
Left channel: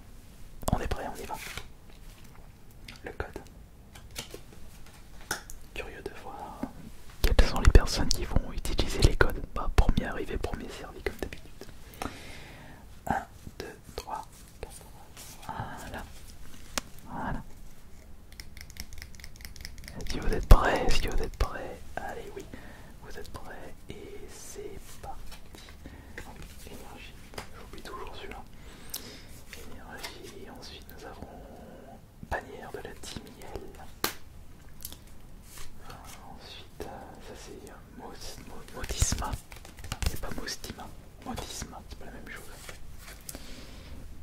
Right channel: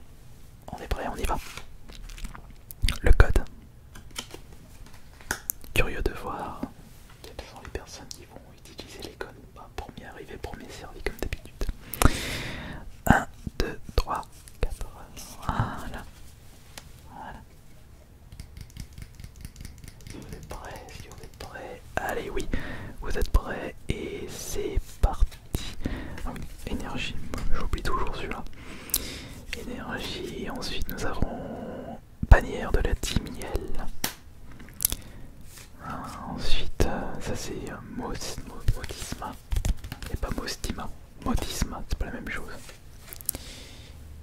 On est prêt, on y va. Le code. Curieux de voir quelles sont les personnes qui vont utiliser les codes. Bah, premier arrivé, premier servi comme d'habitude. 1, 2, 3, 4. Voilà. Voilà. Si vous êtes prêts, allez oui, vous êtes prêts et c'est parti. Ah oui, énergie, j'oublie toujours celui-là. Énergie, ensuite nous avons bannière de la team Miel. Ensuite, ça c'est Modisma, et pas Mostima. Modisma, c'est pas la même chose.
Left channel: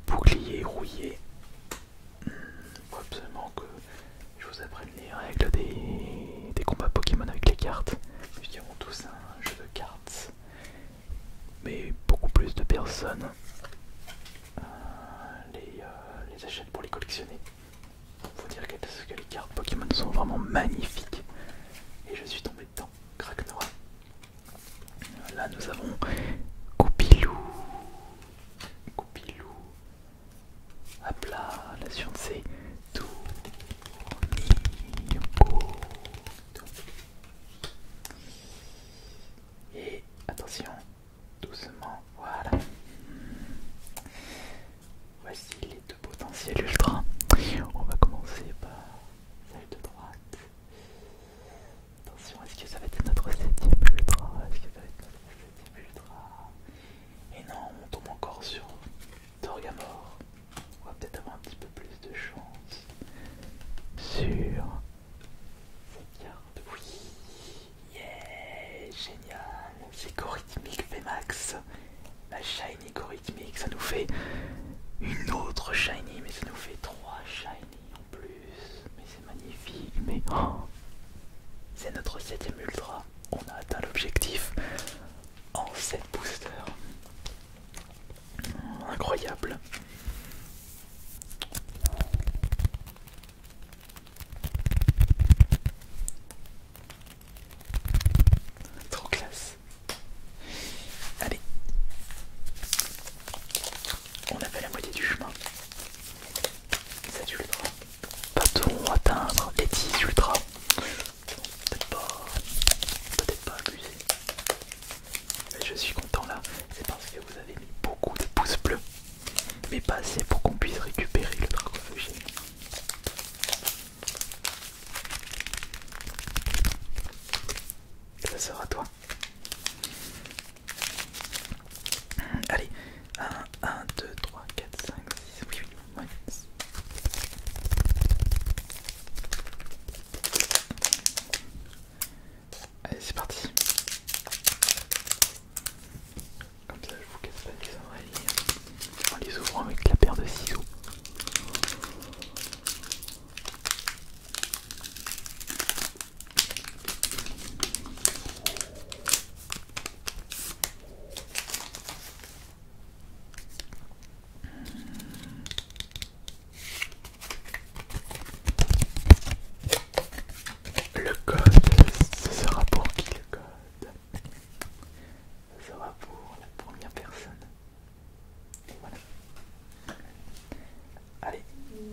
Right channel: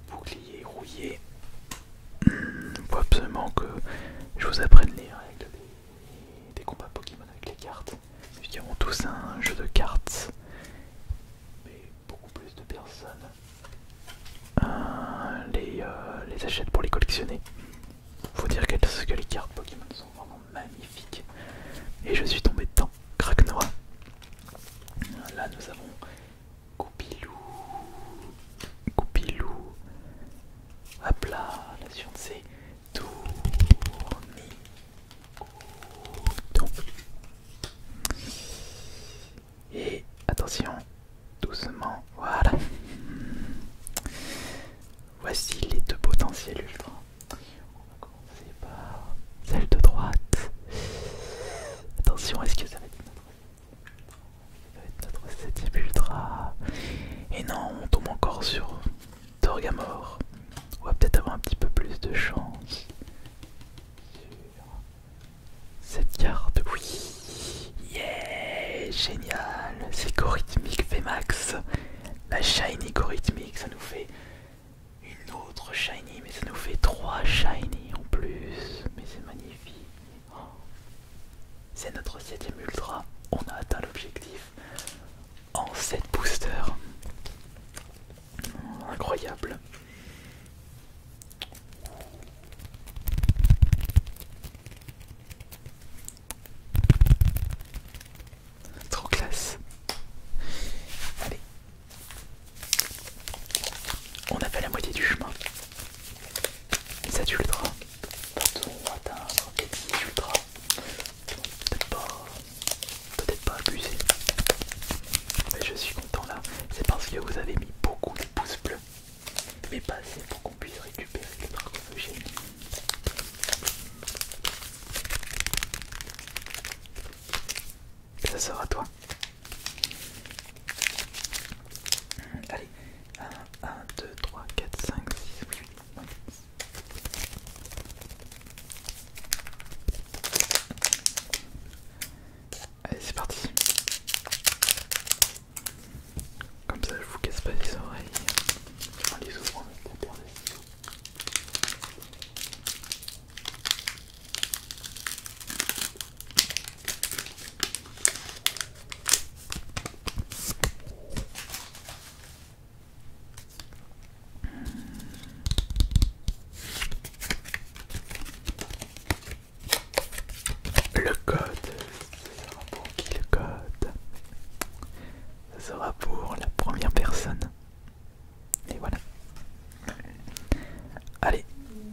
Bouclier rouillé. Faut absolument que je vous apprenne les règles des combats Pokémon avec les cartes. Ils ont tous un jeu de cartes, mais beaucoup plus de personnes les achètent pour les collectionner. Faut dire que les cartes Pokémon sont vraiment magnifiques. Et je suis tombé dedans. Craquenois. Là nous avons Goupilou. Goupilou. Hop là, la science c'est Tournicoton. Et attention, doucement, voilà. Voici les deux potentiels ultra. On va commencer par celle de droite.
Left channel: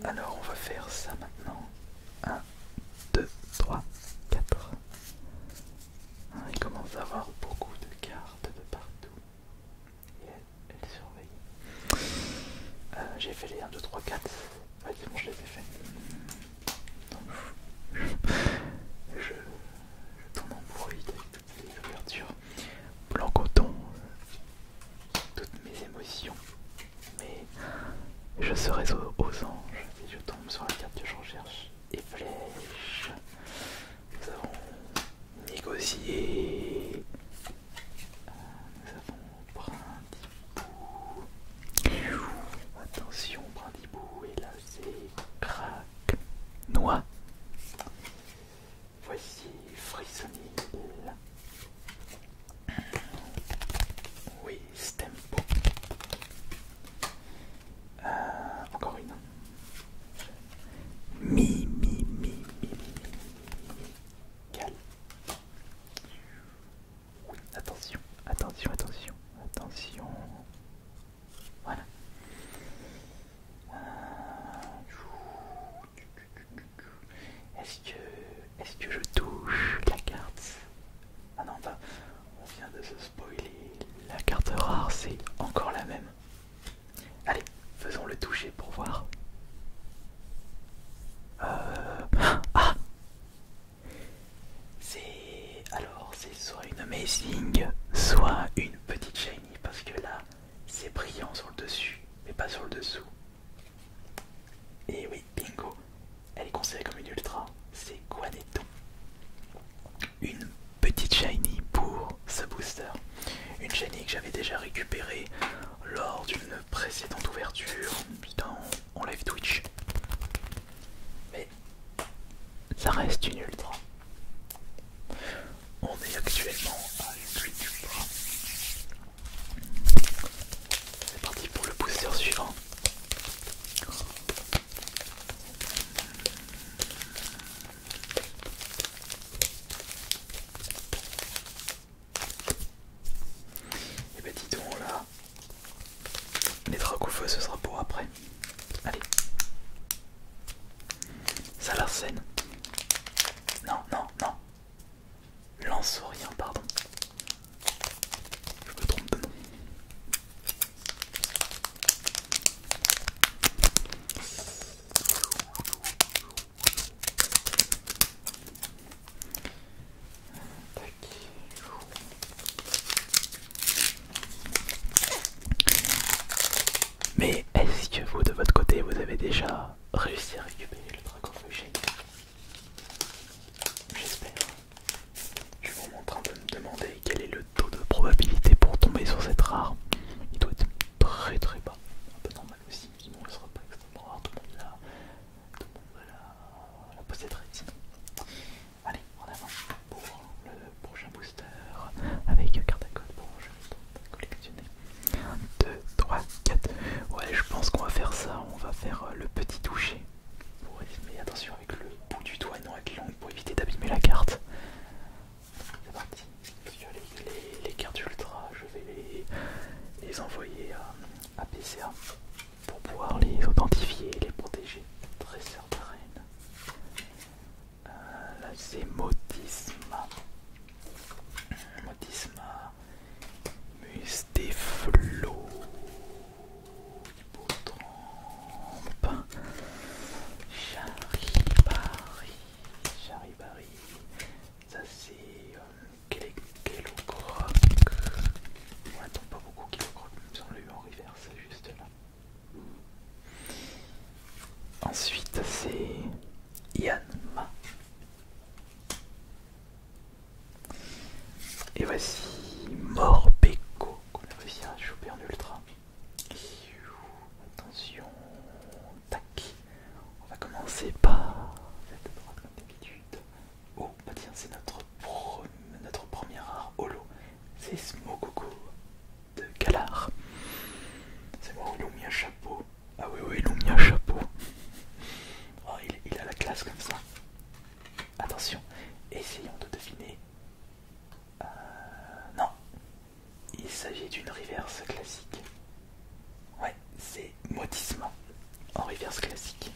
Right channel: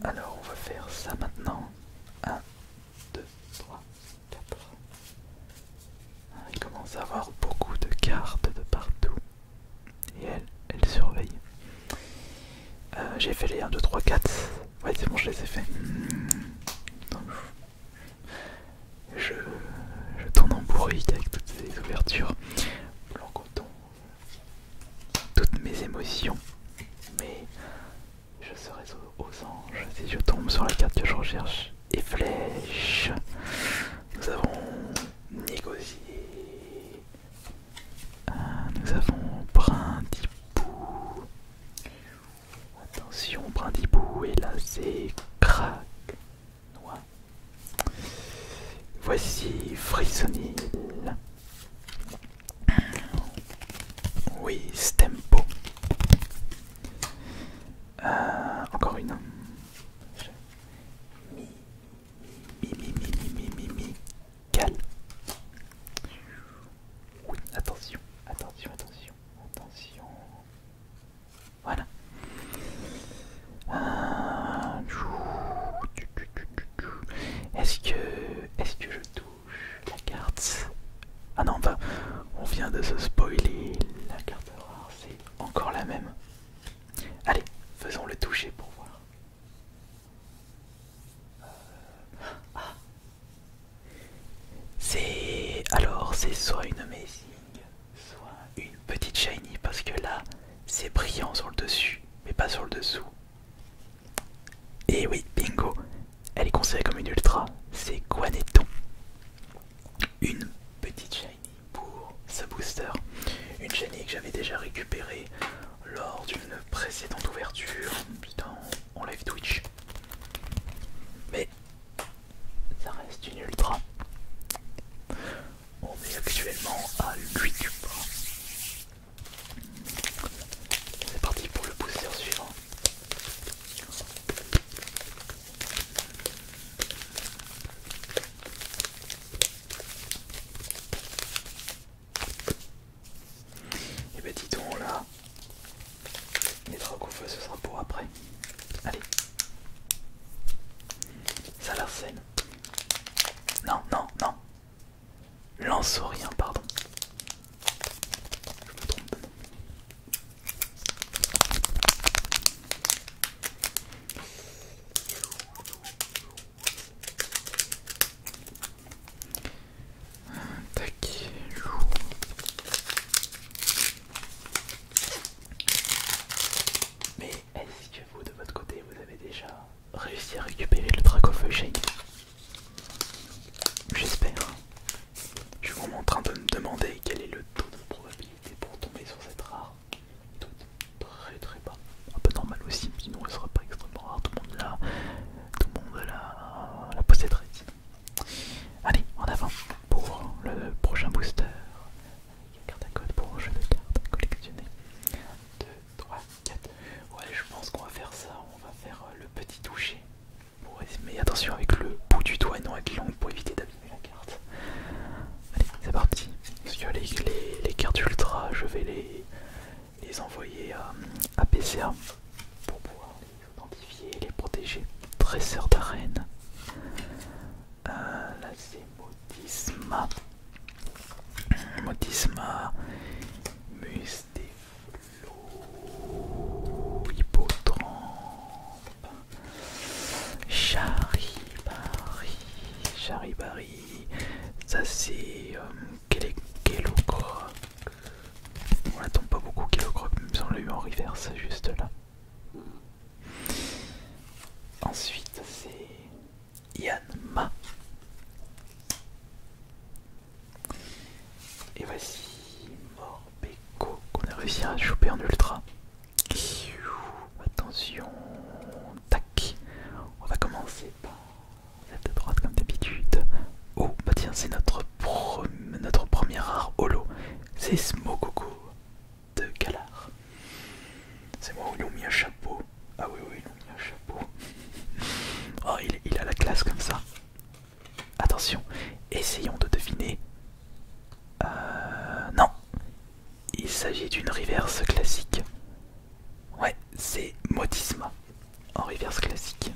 Alors on va faire ça maintenant. 1, 2, 3, 4. Il commence à avoir beaucoup de cartes de partout. Et elle surveille. J'ai fait les 1, 2, 3, 4. Ouais, c'est bon, je les ai fait. Je tourne en bourrique avec toutes ces ouvertures. Blanc coton. Toutes mes émotions. Mais je serai aux anges si je tombe sur la carte que je recherche. Et flèche. Nous avons négocié. Nous avons Brindibou. Attention, Brindibou. Et là, c'est crack. Noix. Voici Frissonil. Oui, Stempo. Encore une. Mi. Cal. Oui, attention. Voilà. Est-ce que je touche la carte? Ah non, bah, on vient de se spoiler. La carte rare, c'est encore la même. Allez, faisons le toucher pour voir. Ah, c'est soit une amazing, soit une petite shiny, parce que là, c'est brillant sur le dessus, mais pas sur le dessous. Et oui, bingo, elle est considérée comme une ultra, c'est Guanetton. Une petite shiny pour sa booster. Une shiny que j'avais déjà récupérée lors d'une précédente ouverture en live Twitch. Mais ça reste une ultra. On est actuellement à 8 ultra. C'est parti pour le booster suivant. Et bah dis donc là, les dracs au feu ce sera pour après. Allez. Salarsen. Non. Lance-rien, pardon. Je me trompe de nom. Tac. Mais est-ce que vous, de votre côté, vous avez déjà réussi à récupérer le Dracofeu Shiny? J'espère. Je suis vraiment en train de me demander quel est le taux de probabilité pour tomber sur cette rare. Il doit être très bas. Un peu normal aussi, sinon elle serait pas extrêmement rare. Tout le monde la posséderait sinon. Allez, en avant pour le prochain booster avec carte à code pour jeu de cartes à collectionner. 1, 2, 3, 4. Ouais, je pense qu'on va faire ça. On va faire le petit toucher. Mais attention avec le bout du doigt et non avec l'angle pour éviter d'abîmer la carte. Allez, c'est parti. Parce que les cartes ultra, je vais les envoyer à PCA pour pouvoir les authentifier et les protéger. Dresseur d'arène. Là c'est Modisma. Mustéflo. Hippotrampe. Charibari. Ça c'est Kellogroc. On n'attend pas beaucoup Kellogroc, même si on l'a eu en reverse juste là. Ensuite c'est Yanma. Et voici Morpeko qu'on a réussi à choper en ultra. Attention, tac. On va commencer par cette droite comme d'habitude. Oh bah tiens, c'est notre premier rare holo. C'est Smokoko de Galar. C'est moi où ils l'ont mis un chapeau. Ah oui, ils l'ont mis un chapeau. Oh, il a la classe comme ça. Attention, essayons de deviner. Non, il s'agit d'une reverse classique. Ouais, c'est Modisma en reverse classique.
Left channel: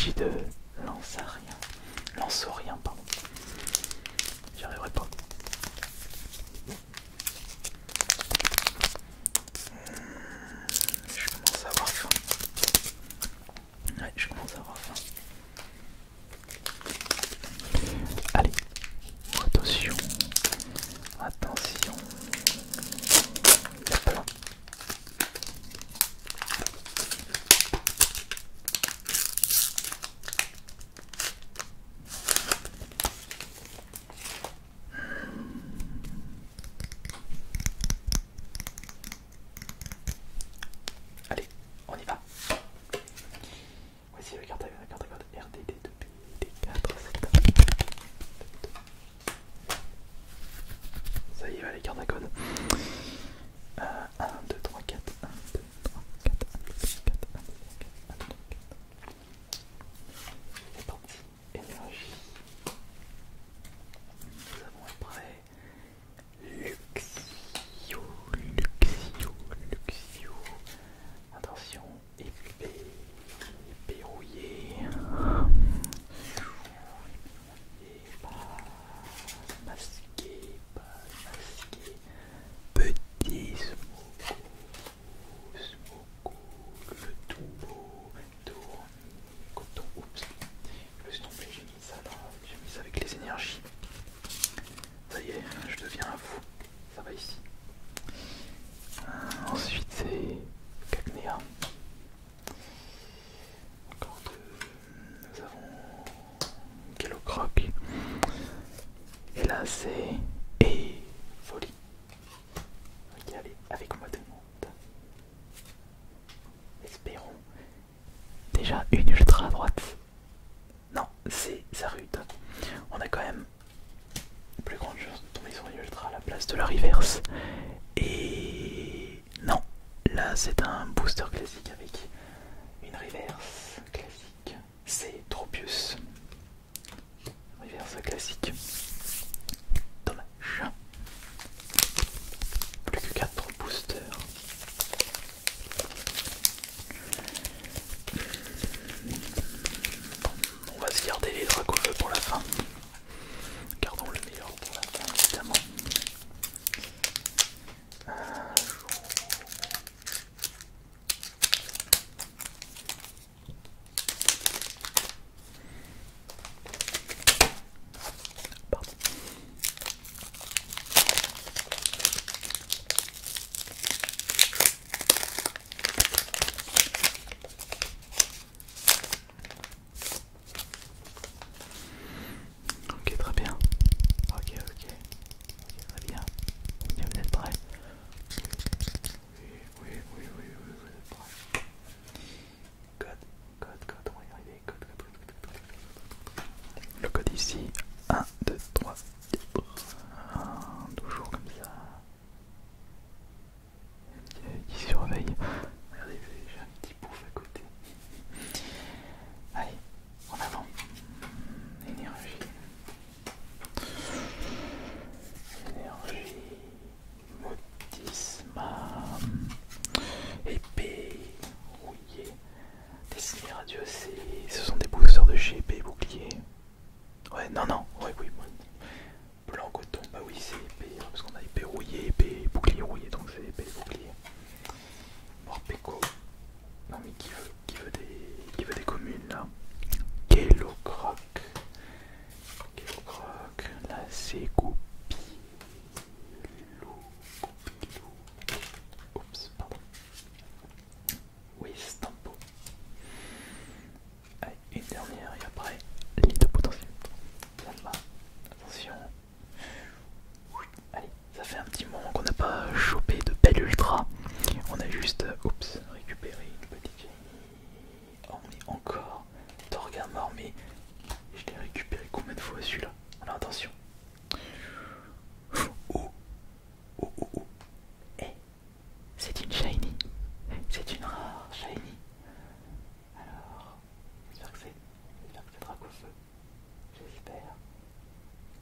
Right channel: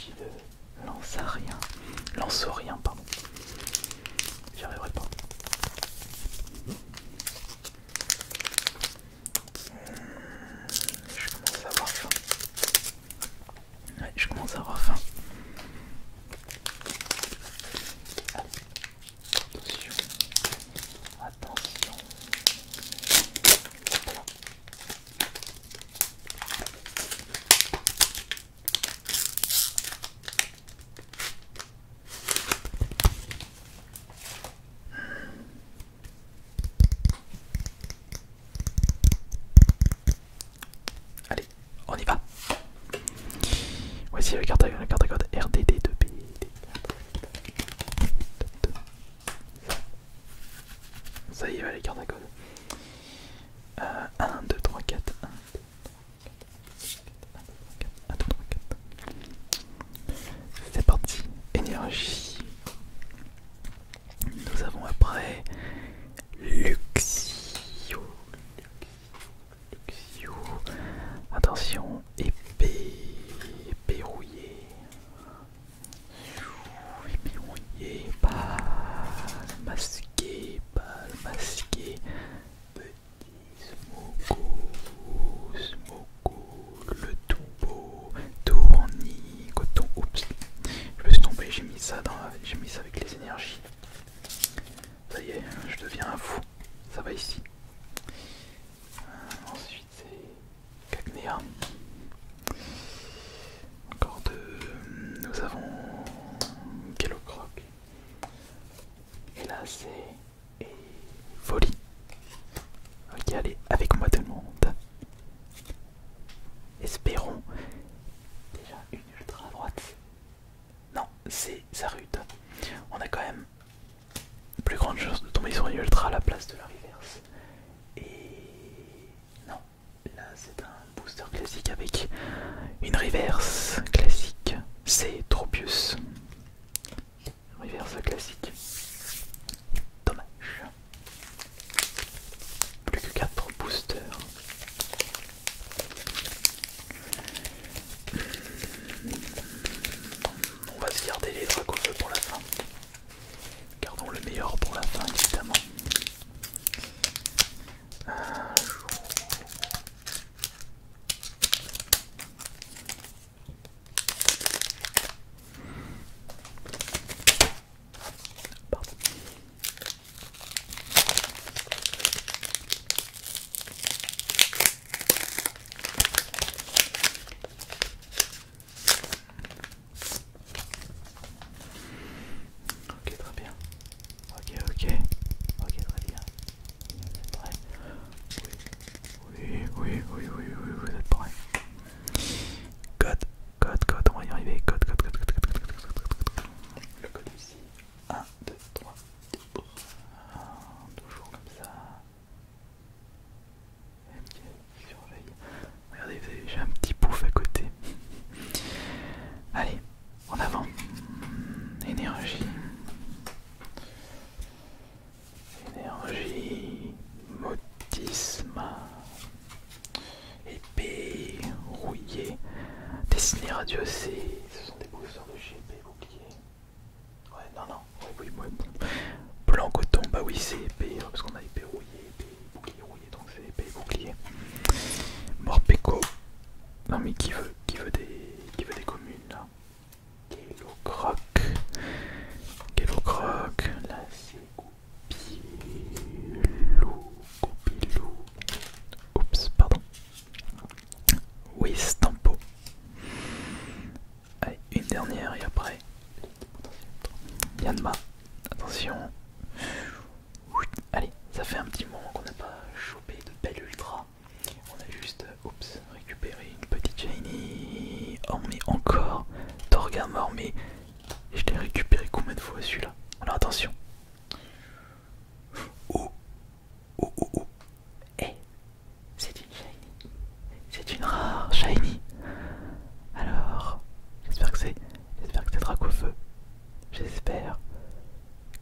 s'agit de Lance-Rien. Lance-Rien, pardon. J'y arriverai pas. Je commence à avoir faim. Ouais, je commence à avoir faim. Allez, attention. Attention. Hop. Allez, on y va. Voici la carte à code RDD2B. Ça y est, les cartes à code. 1, 2, 3, 4. 1, 2, 3, 4. 1, 2, 3, 4. 1, 2, 3, 4. C'est parti. Énergie. Nous avons après Luxio. Attention, épée. Épée rouillée. Épée rouillée. Balle masquée. Balle masquée. Petit Smogo, le tout beau, tournis, coton. Oups, je me suis trompé, j'ai mis ça avec les énergies. Ça y est, je deviens un fou. Ça va ici. Ensuite c'est Cacnea. Encore deux. Nous avons Kellocroc. Et là c'est Folie. Ok, allez, avec moi tout le monde. Espérons déjà une ultra à droite. Non, c'est Zarude. On a quand même plus grande chance de tomber sur une ultra à la place de la reverse. Et non, là c'est un booster classique avec une reverse classique. C'est Tropius. Reverse classique. Dommage. Plus que 4 boosters. On va se garder les Dracofeu pour la fin. Gardons le meilleur pour la fin, évidemment. Pardon. Ok, très bien. Ok, très bien. Vous êtes prêts? Oui, vous êtes prêts. Code, on va y arriver. Code. Le code ici. 1, 2, 3, 4. Toujours comme ça. Qui surveille. Regardez, j'ai un petit pouf à côté. Allez, en avant. Énergie. Motisma. Épée rouillée. Dessiné radieux, ce sont des boosters de chez épée bouclier. Ouais, oui. Blanc coton, bah oui, c'est épée, parce qu'on a épée rouillée, épée bouclier rouillé, donc c'est épée bouclier. Morpeko. Non mais qui veut des communes là. Kellocroc. Là c'est Goupilou. Oups, pardon. Oui, Stampo. Allez, une dernière et après, ligne de potentiel. Yanma, attention. Allez, ça fait un petit moment qu'on n'a pas chopé de belle ultra. On a juste, récupéré une petite shiny. Oh mais encore, Torgamor, mais je l'ai récupéré combien de fois celui-là? Alors attention. Oh. Eh, c'est une shiny. C'est une rare shiny. Alors, j'espère que c'est Dracofeu. J'espère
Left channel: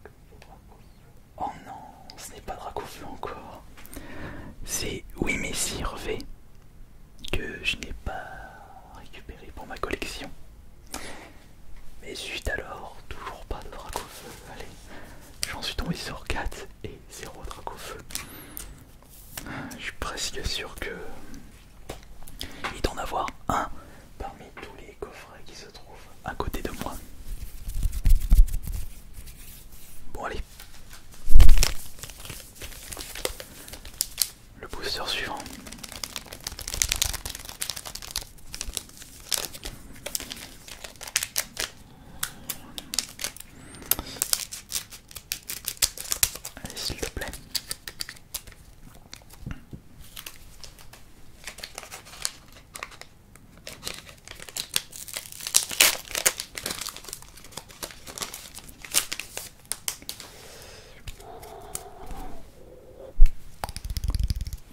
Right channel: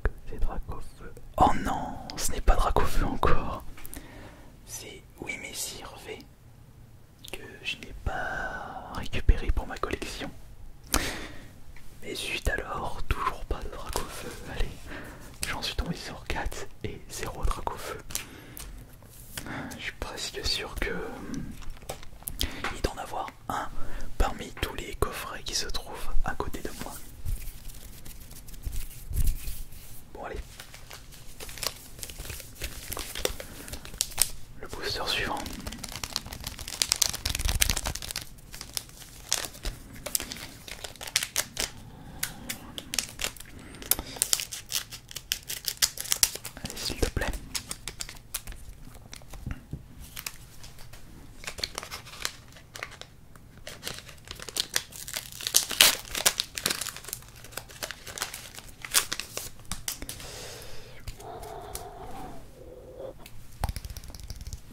que c'est Dracofeu. Oh non, ce n'est pas Dracofeu encore. C'est Wimessir V que je n'ai pas récupéré pour ma collection. 18 alors, toujours pas de Dracofeu. Allez, j'en suis tombé sur 4 et 0 Dracofeu. Je suis presque sûr que il doit en avoir un parmi tous les coffrets qui se trouvent à côté de moi. Bon allez. Le booster suivant. Allez, s'il te plaît.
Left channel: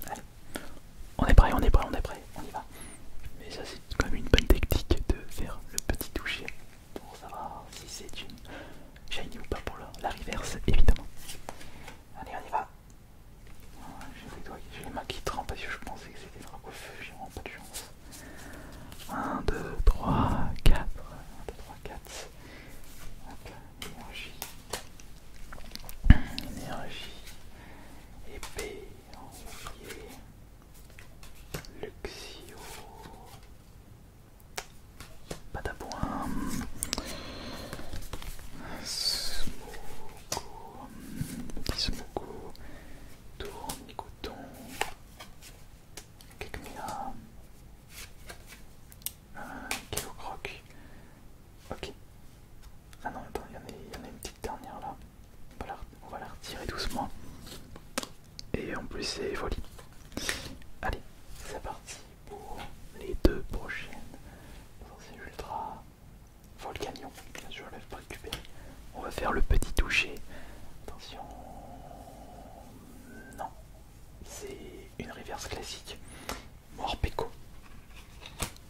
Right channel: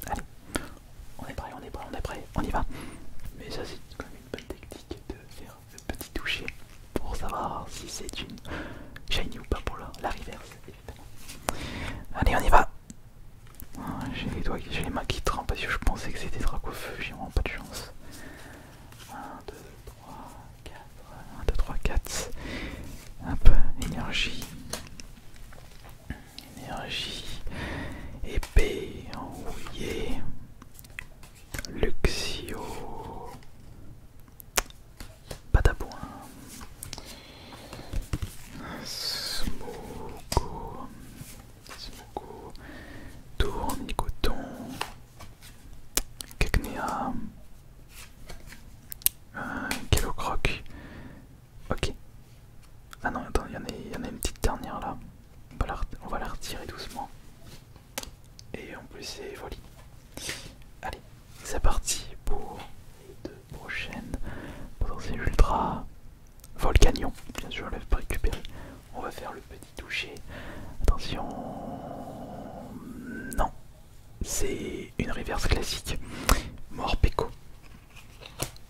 Allez, on est prêt, on est prêt, on est prêt, on y va. Mais ça c'est quand même une bonne technique de faire le petit toucher pour savoir si c'est une shiny ou pas pour la reverse évidemment. Allez, on y va. J'ai les doigts, j'ai les mains qui trempent parce que je pensais que c'était Dracofeu, j'ai vraiment pas de chance. 1, 2, 3, 4, 1, 2, 3, 4. Hop, énergie. Énergie. Épée, enrouillée. Luxio. Patapouin. Smoko. Petit Smoko. Tournicoton. Cacnea. Kellocroc. Ok. Ah non, attends, il y en a une petite dernière là. On va la retirer doucement. Et en plus, c'est folie. Allez, c'est parti pour les deux prochaines potentielles ultra. Volcanion, bien sûr, je ne l'ai pas récupéré. On va faire le petit toucher. Attention. Non, c'est une reverse classique. Morpeko.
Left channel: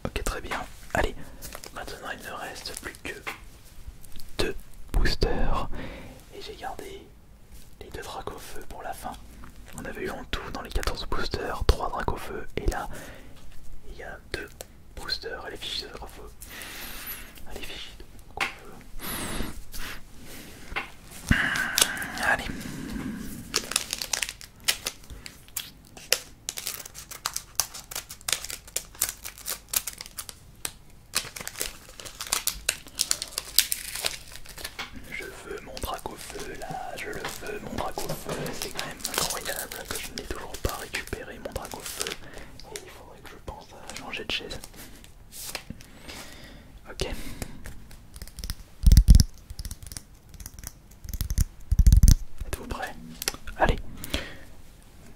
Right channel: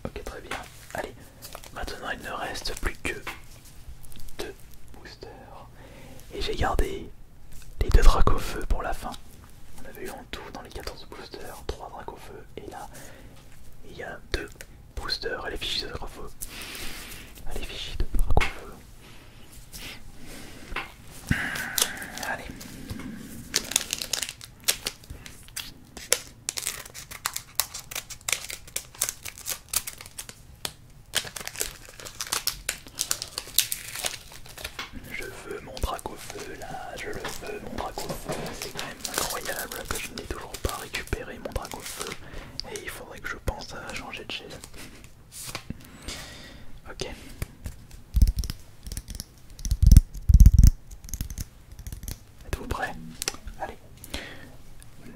Ok, très bien. Allez, maintenant il ne reste plus que 2 boosters. Et j'ai gardé les 2 Dracofeu pour la fin. On avait eu en tout dans les 14 boosters 3 Dracofeu. Et là, il y a 2 boosters à l'effigie de Dracofeu. À l'effigie de Dracofeu. Allez. Je veux mon Dracofeu là, je le veux mon Dracofeu, c'est quand même incroyable que je n'ai toujours pas récupéré mon Dracofeu et il faudrait que je pense à changer de chaise. Ok. Êtes-vous prêts? Allez,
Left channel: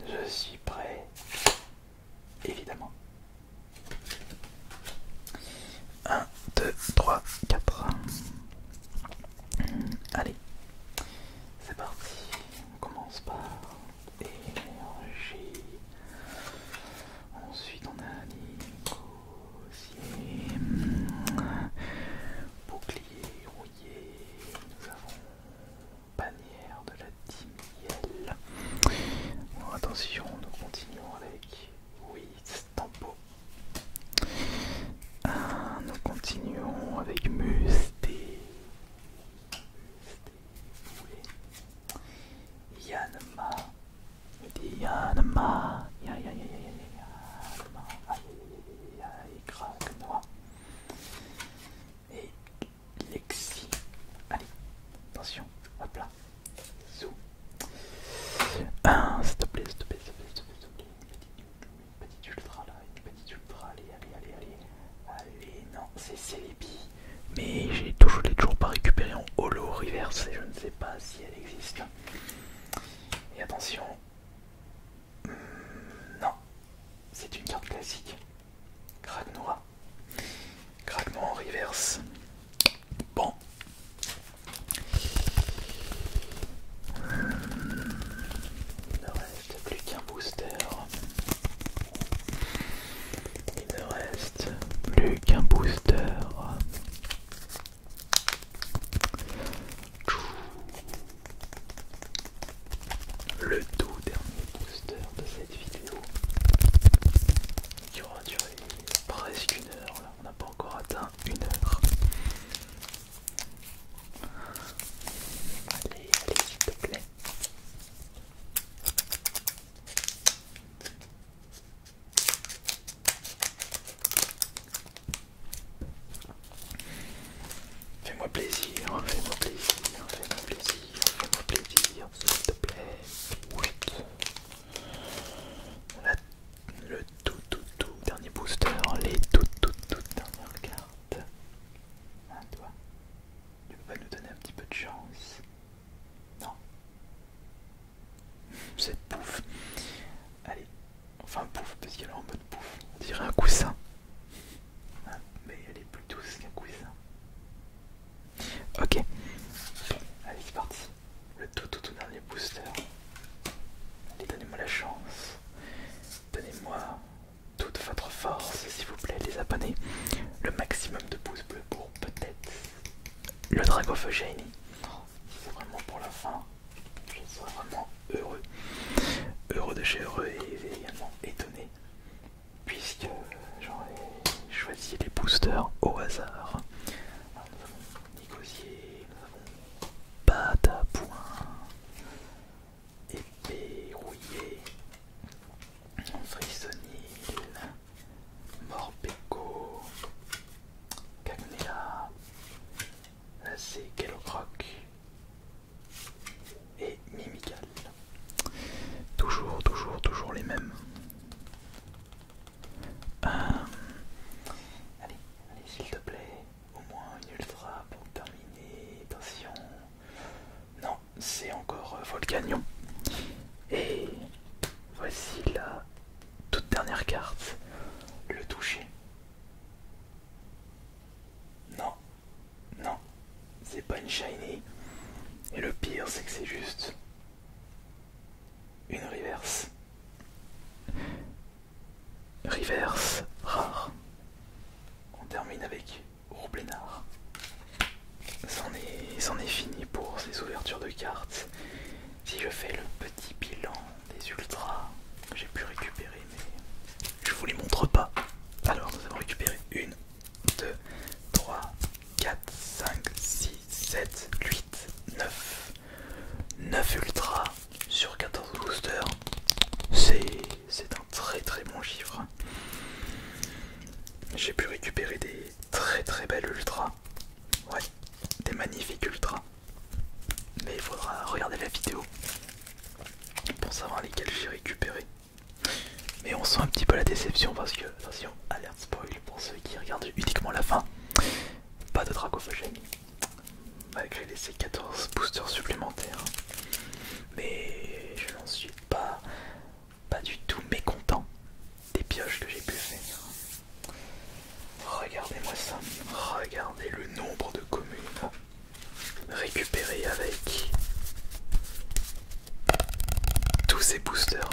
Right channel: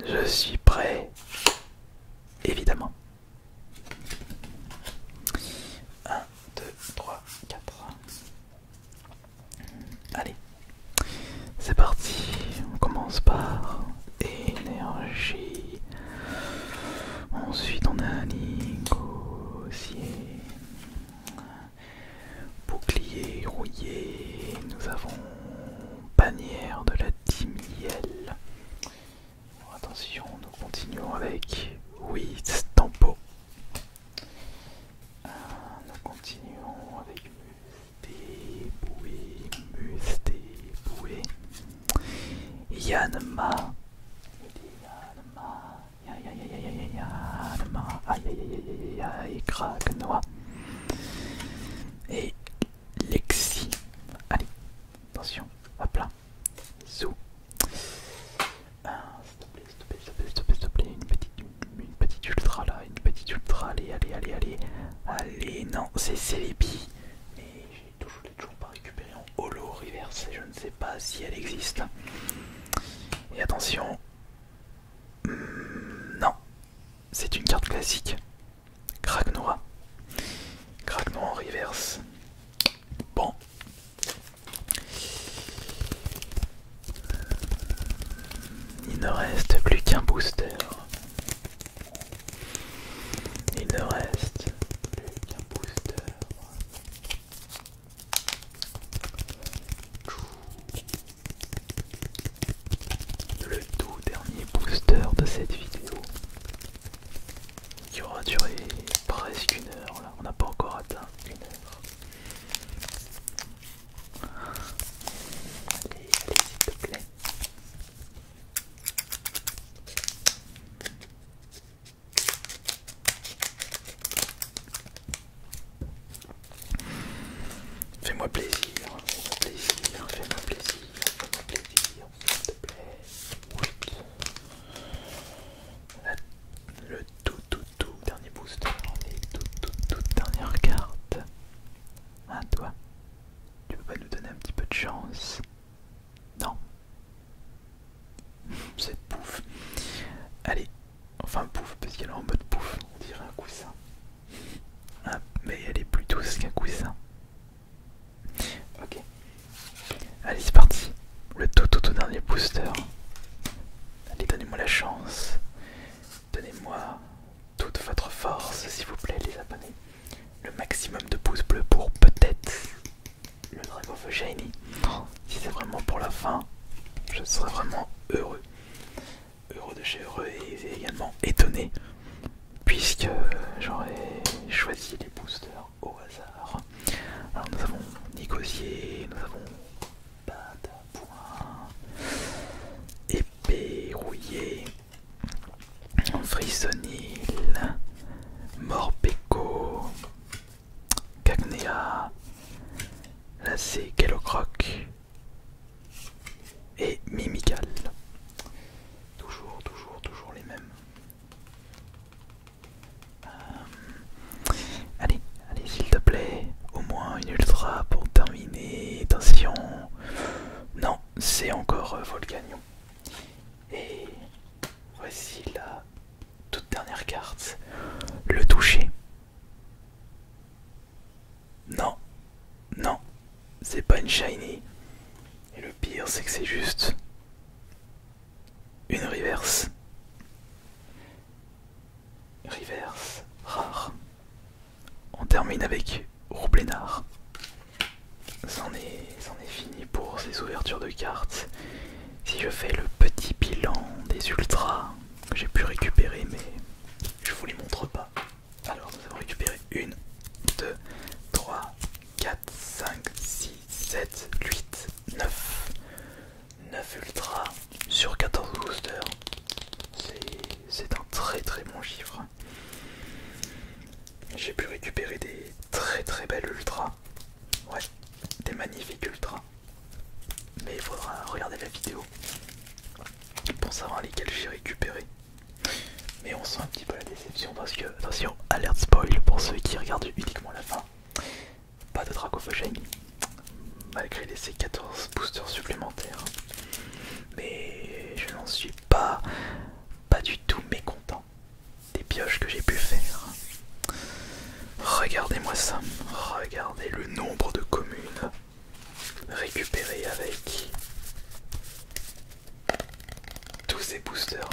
je suis prêt, évidemment. 1, 2, 3, 4. Allez, c'est parti. On commence par énergie. Ensuite, on a négocié. Bouclier rouillé. Nous avons bannière de la Timiel. Attention, nous continuons avec 8 tempo. Nous continuons avec Musté, Boué, Yanma, Yanma, Yanma, aïe, Kragnoa et Lexi. Allez, attention, hop là, zou. S'il te plaît, une petite ultra là, une petite ultra, allez, non, c'est Celebi, mais je l'ai toujours pas récupéré en holo reverse et je ne sais pas si elle existe. Et attention, non, c'est une carte classique, Kragnoa en reverse. Bon. Il ne reste plus qu'un booster. Il ne reste plus qu'un booster. Le tout dernier booster de cette vidéo. Il y aura Fais-moi plaisir, fais-moi plaisir, fais-moi plaisir, fais-moi plaisir, s'il te plaît. Oui. Le tout dernier booster, les toutes dernières cartes. Ah, toi, tu peux pas nous donner un petit peu de chance? Non. Cette pouffe. Allez, enfin pouffe, parce qu'elle est en mode pouffe, on dirait un coussin. Ah, mais elle est plus douce qu'un coussin. Ok, allez c'est parti. Le tout dernier booster. Allez, donnez-moi la chance. Donnez-moi toute votre force, s'il vous plaît, les abonnés. Le maximum de pouces bleus pour peut-être le Dragofeu Shiny. Si c'est vraiment pour la fin, je serais vraiment heureux. Heureux de chez heureux et également étonné, puisque j'aurais choisi les boosters au hasard. Alors nous avons Négocier, nous avons Batte à Point, Épée Rouillée, Frissonil, Morpeko, Cagnea, Lacé Kellocroc et Mimical. Toujours les mêmes. Allez, s'il te plaît, au moins une ultra pour terminer. Attention. Non, c'est encore Volcanion. Et voici la toute dernière carte. Le toucher. Non, c'est pas une shiny. Et le pire, c'est que c'est juste une reverse. Reverse rare. On termine avec Roublénard. C'en est fini pour ces ouvertures de cartes. Si je fais le petit bilan des ultras que j'ai pu récupérer, mais je vous les montre pas. Alors nous avons récupéré 1, 2, 3, 4, 5, 6, 7, 8, 9. 9 ultras sur 14 boosters. C'est un très bon chiffre. J'ai pu récupérer des très belles ultras. Ouais, des magnifiques ultras. Mais il faudra regarder la vidéo pour savoir lesquels j'ai récupéré. Mais on sent un petit peu la déception parce que, attention, alerte spoil pour ceux qui regardent uniquement la fin. Pas de Dragofeu Shiny, malgré ces 14 boosters supplémentaires. Mais je n'en suis pas du tout mécontent des pioches que j'ai pu faire. Regardez-moi ça, regardez le nombre de communes récupérées avec tous ces boosters.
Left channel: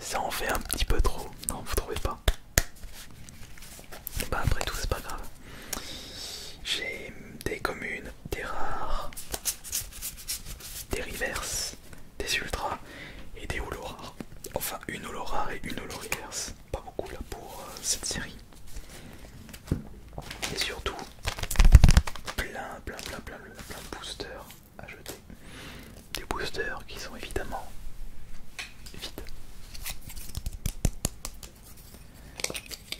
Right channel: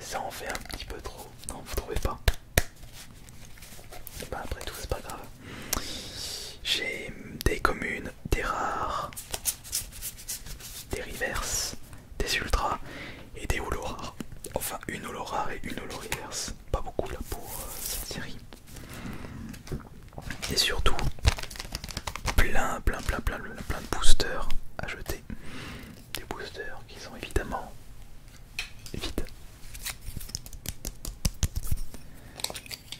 Ça en fait un petit peu trop, non vous trouvez pas? Bah après tout c'est pas grave. J'ai des communes, des rares, des reverses, des ultras et des holo rares. Enfin une holo rare et une holo reverse. Pas beaucoup là pour cette série. Et surtout plein de boosters à jeter. Des boosters qui sont évidemment vides.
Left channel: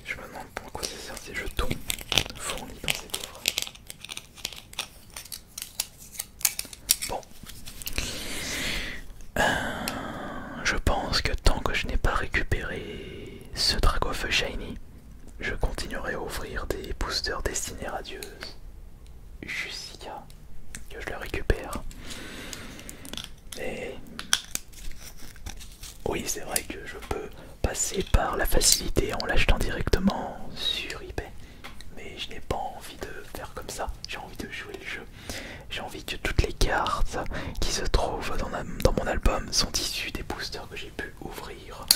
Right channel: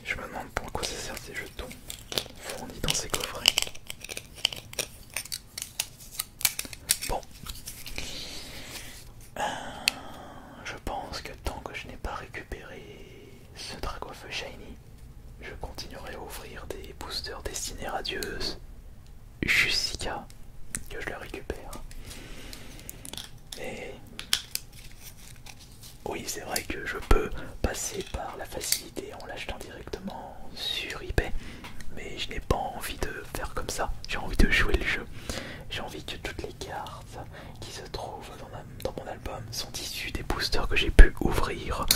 Je me demande pourquoi ça sert ces jetons fournis dans ces coffrets. Bon. Je pense que tant que je n'ai pas récupéré ce Dragofeu Shiny, je continuerai à ouvrir des boosters destinés radieuses jusqu'à que je le récupère. Mais oui, c'est vrai que je peux passer par la facilité en l'achetant directement sur eBay, mais je n'ai pas envie de faire comme ça. J'ai envie de jouer le jeu. J'ai envie que toutes les cartes qui se trouvent dans mon album sont issues des boosters que j'ai pu ouvrir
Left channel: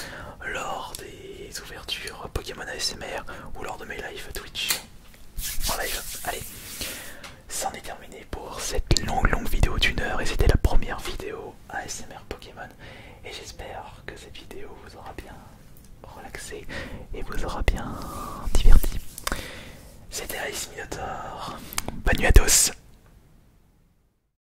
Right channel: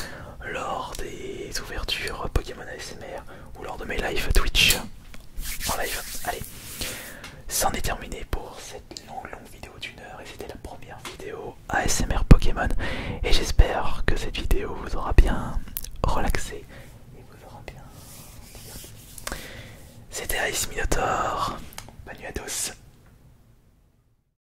lors des ouvertures Pokémon ASMR ou lors de mes lives Twitch en live. Allez, c'en est terminé pour cette longue vidéo d'1 heure et c'était la première vidéo ASMR Pokémon et j'espère que cette vidéo vous aura bien relaxé et vous aura bien diverti. C'était Ice Minotaur, bonne nuit à tous.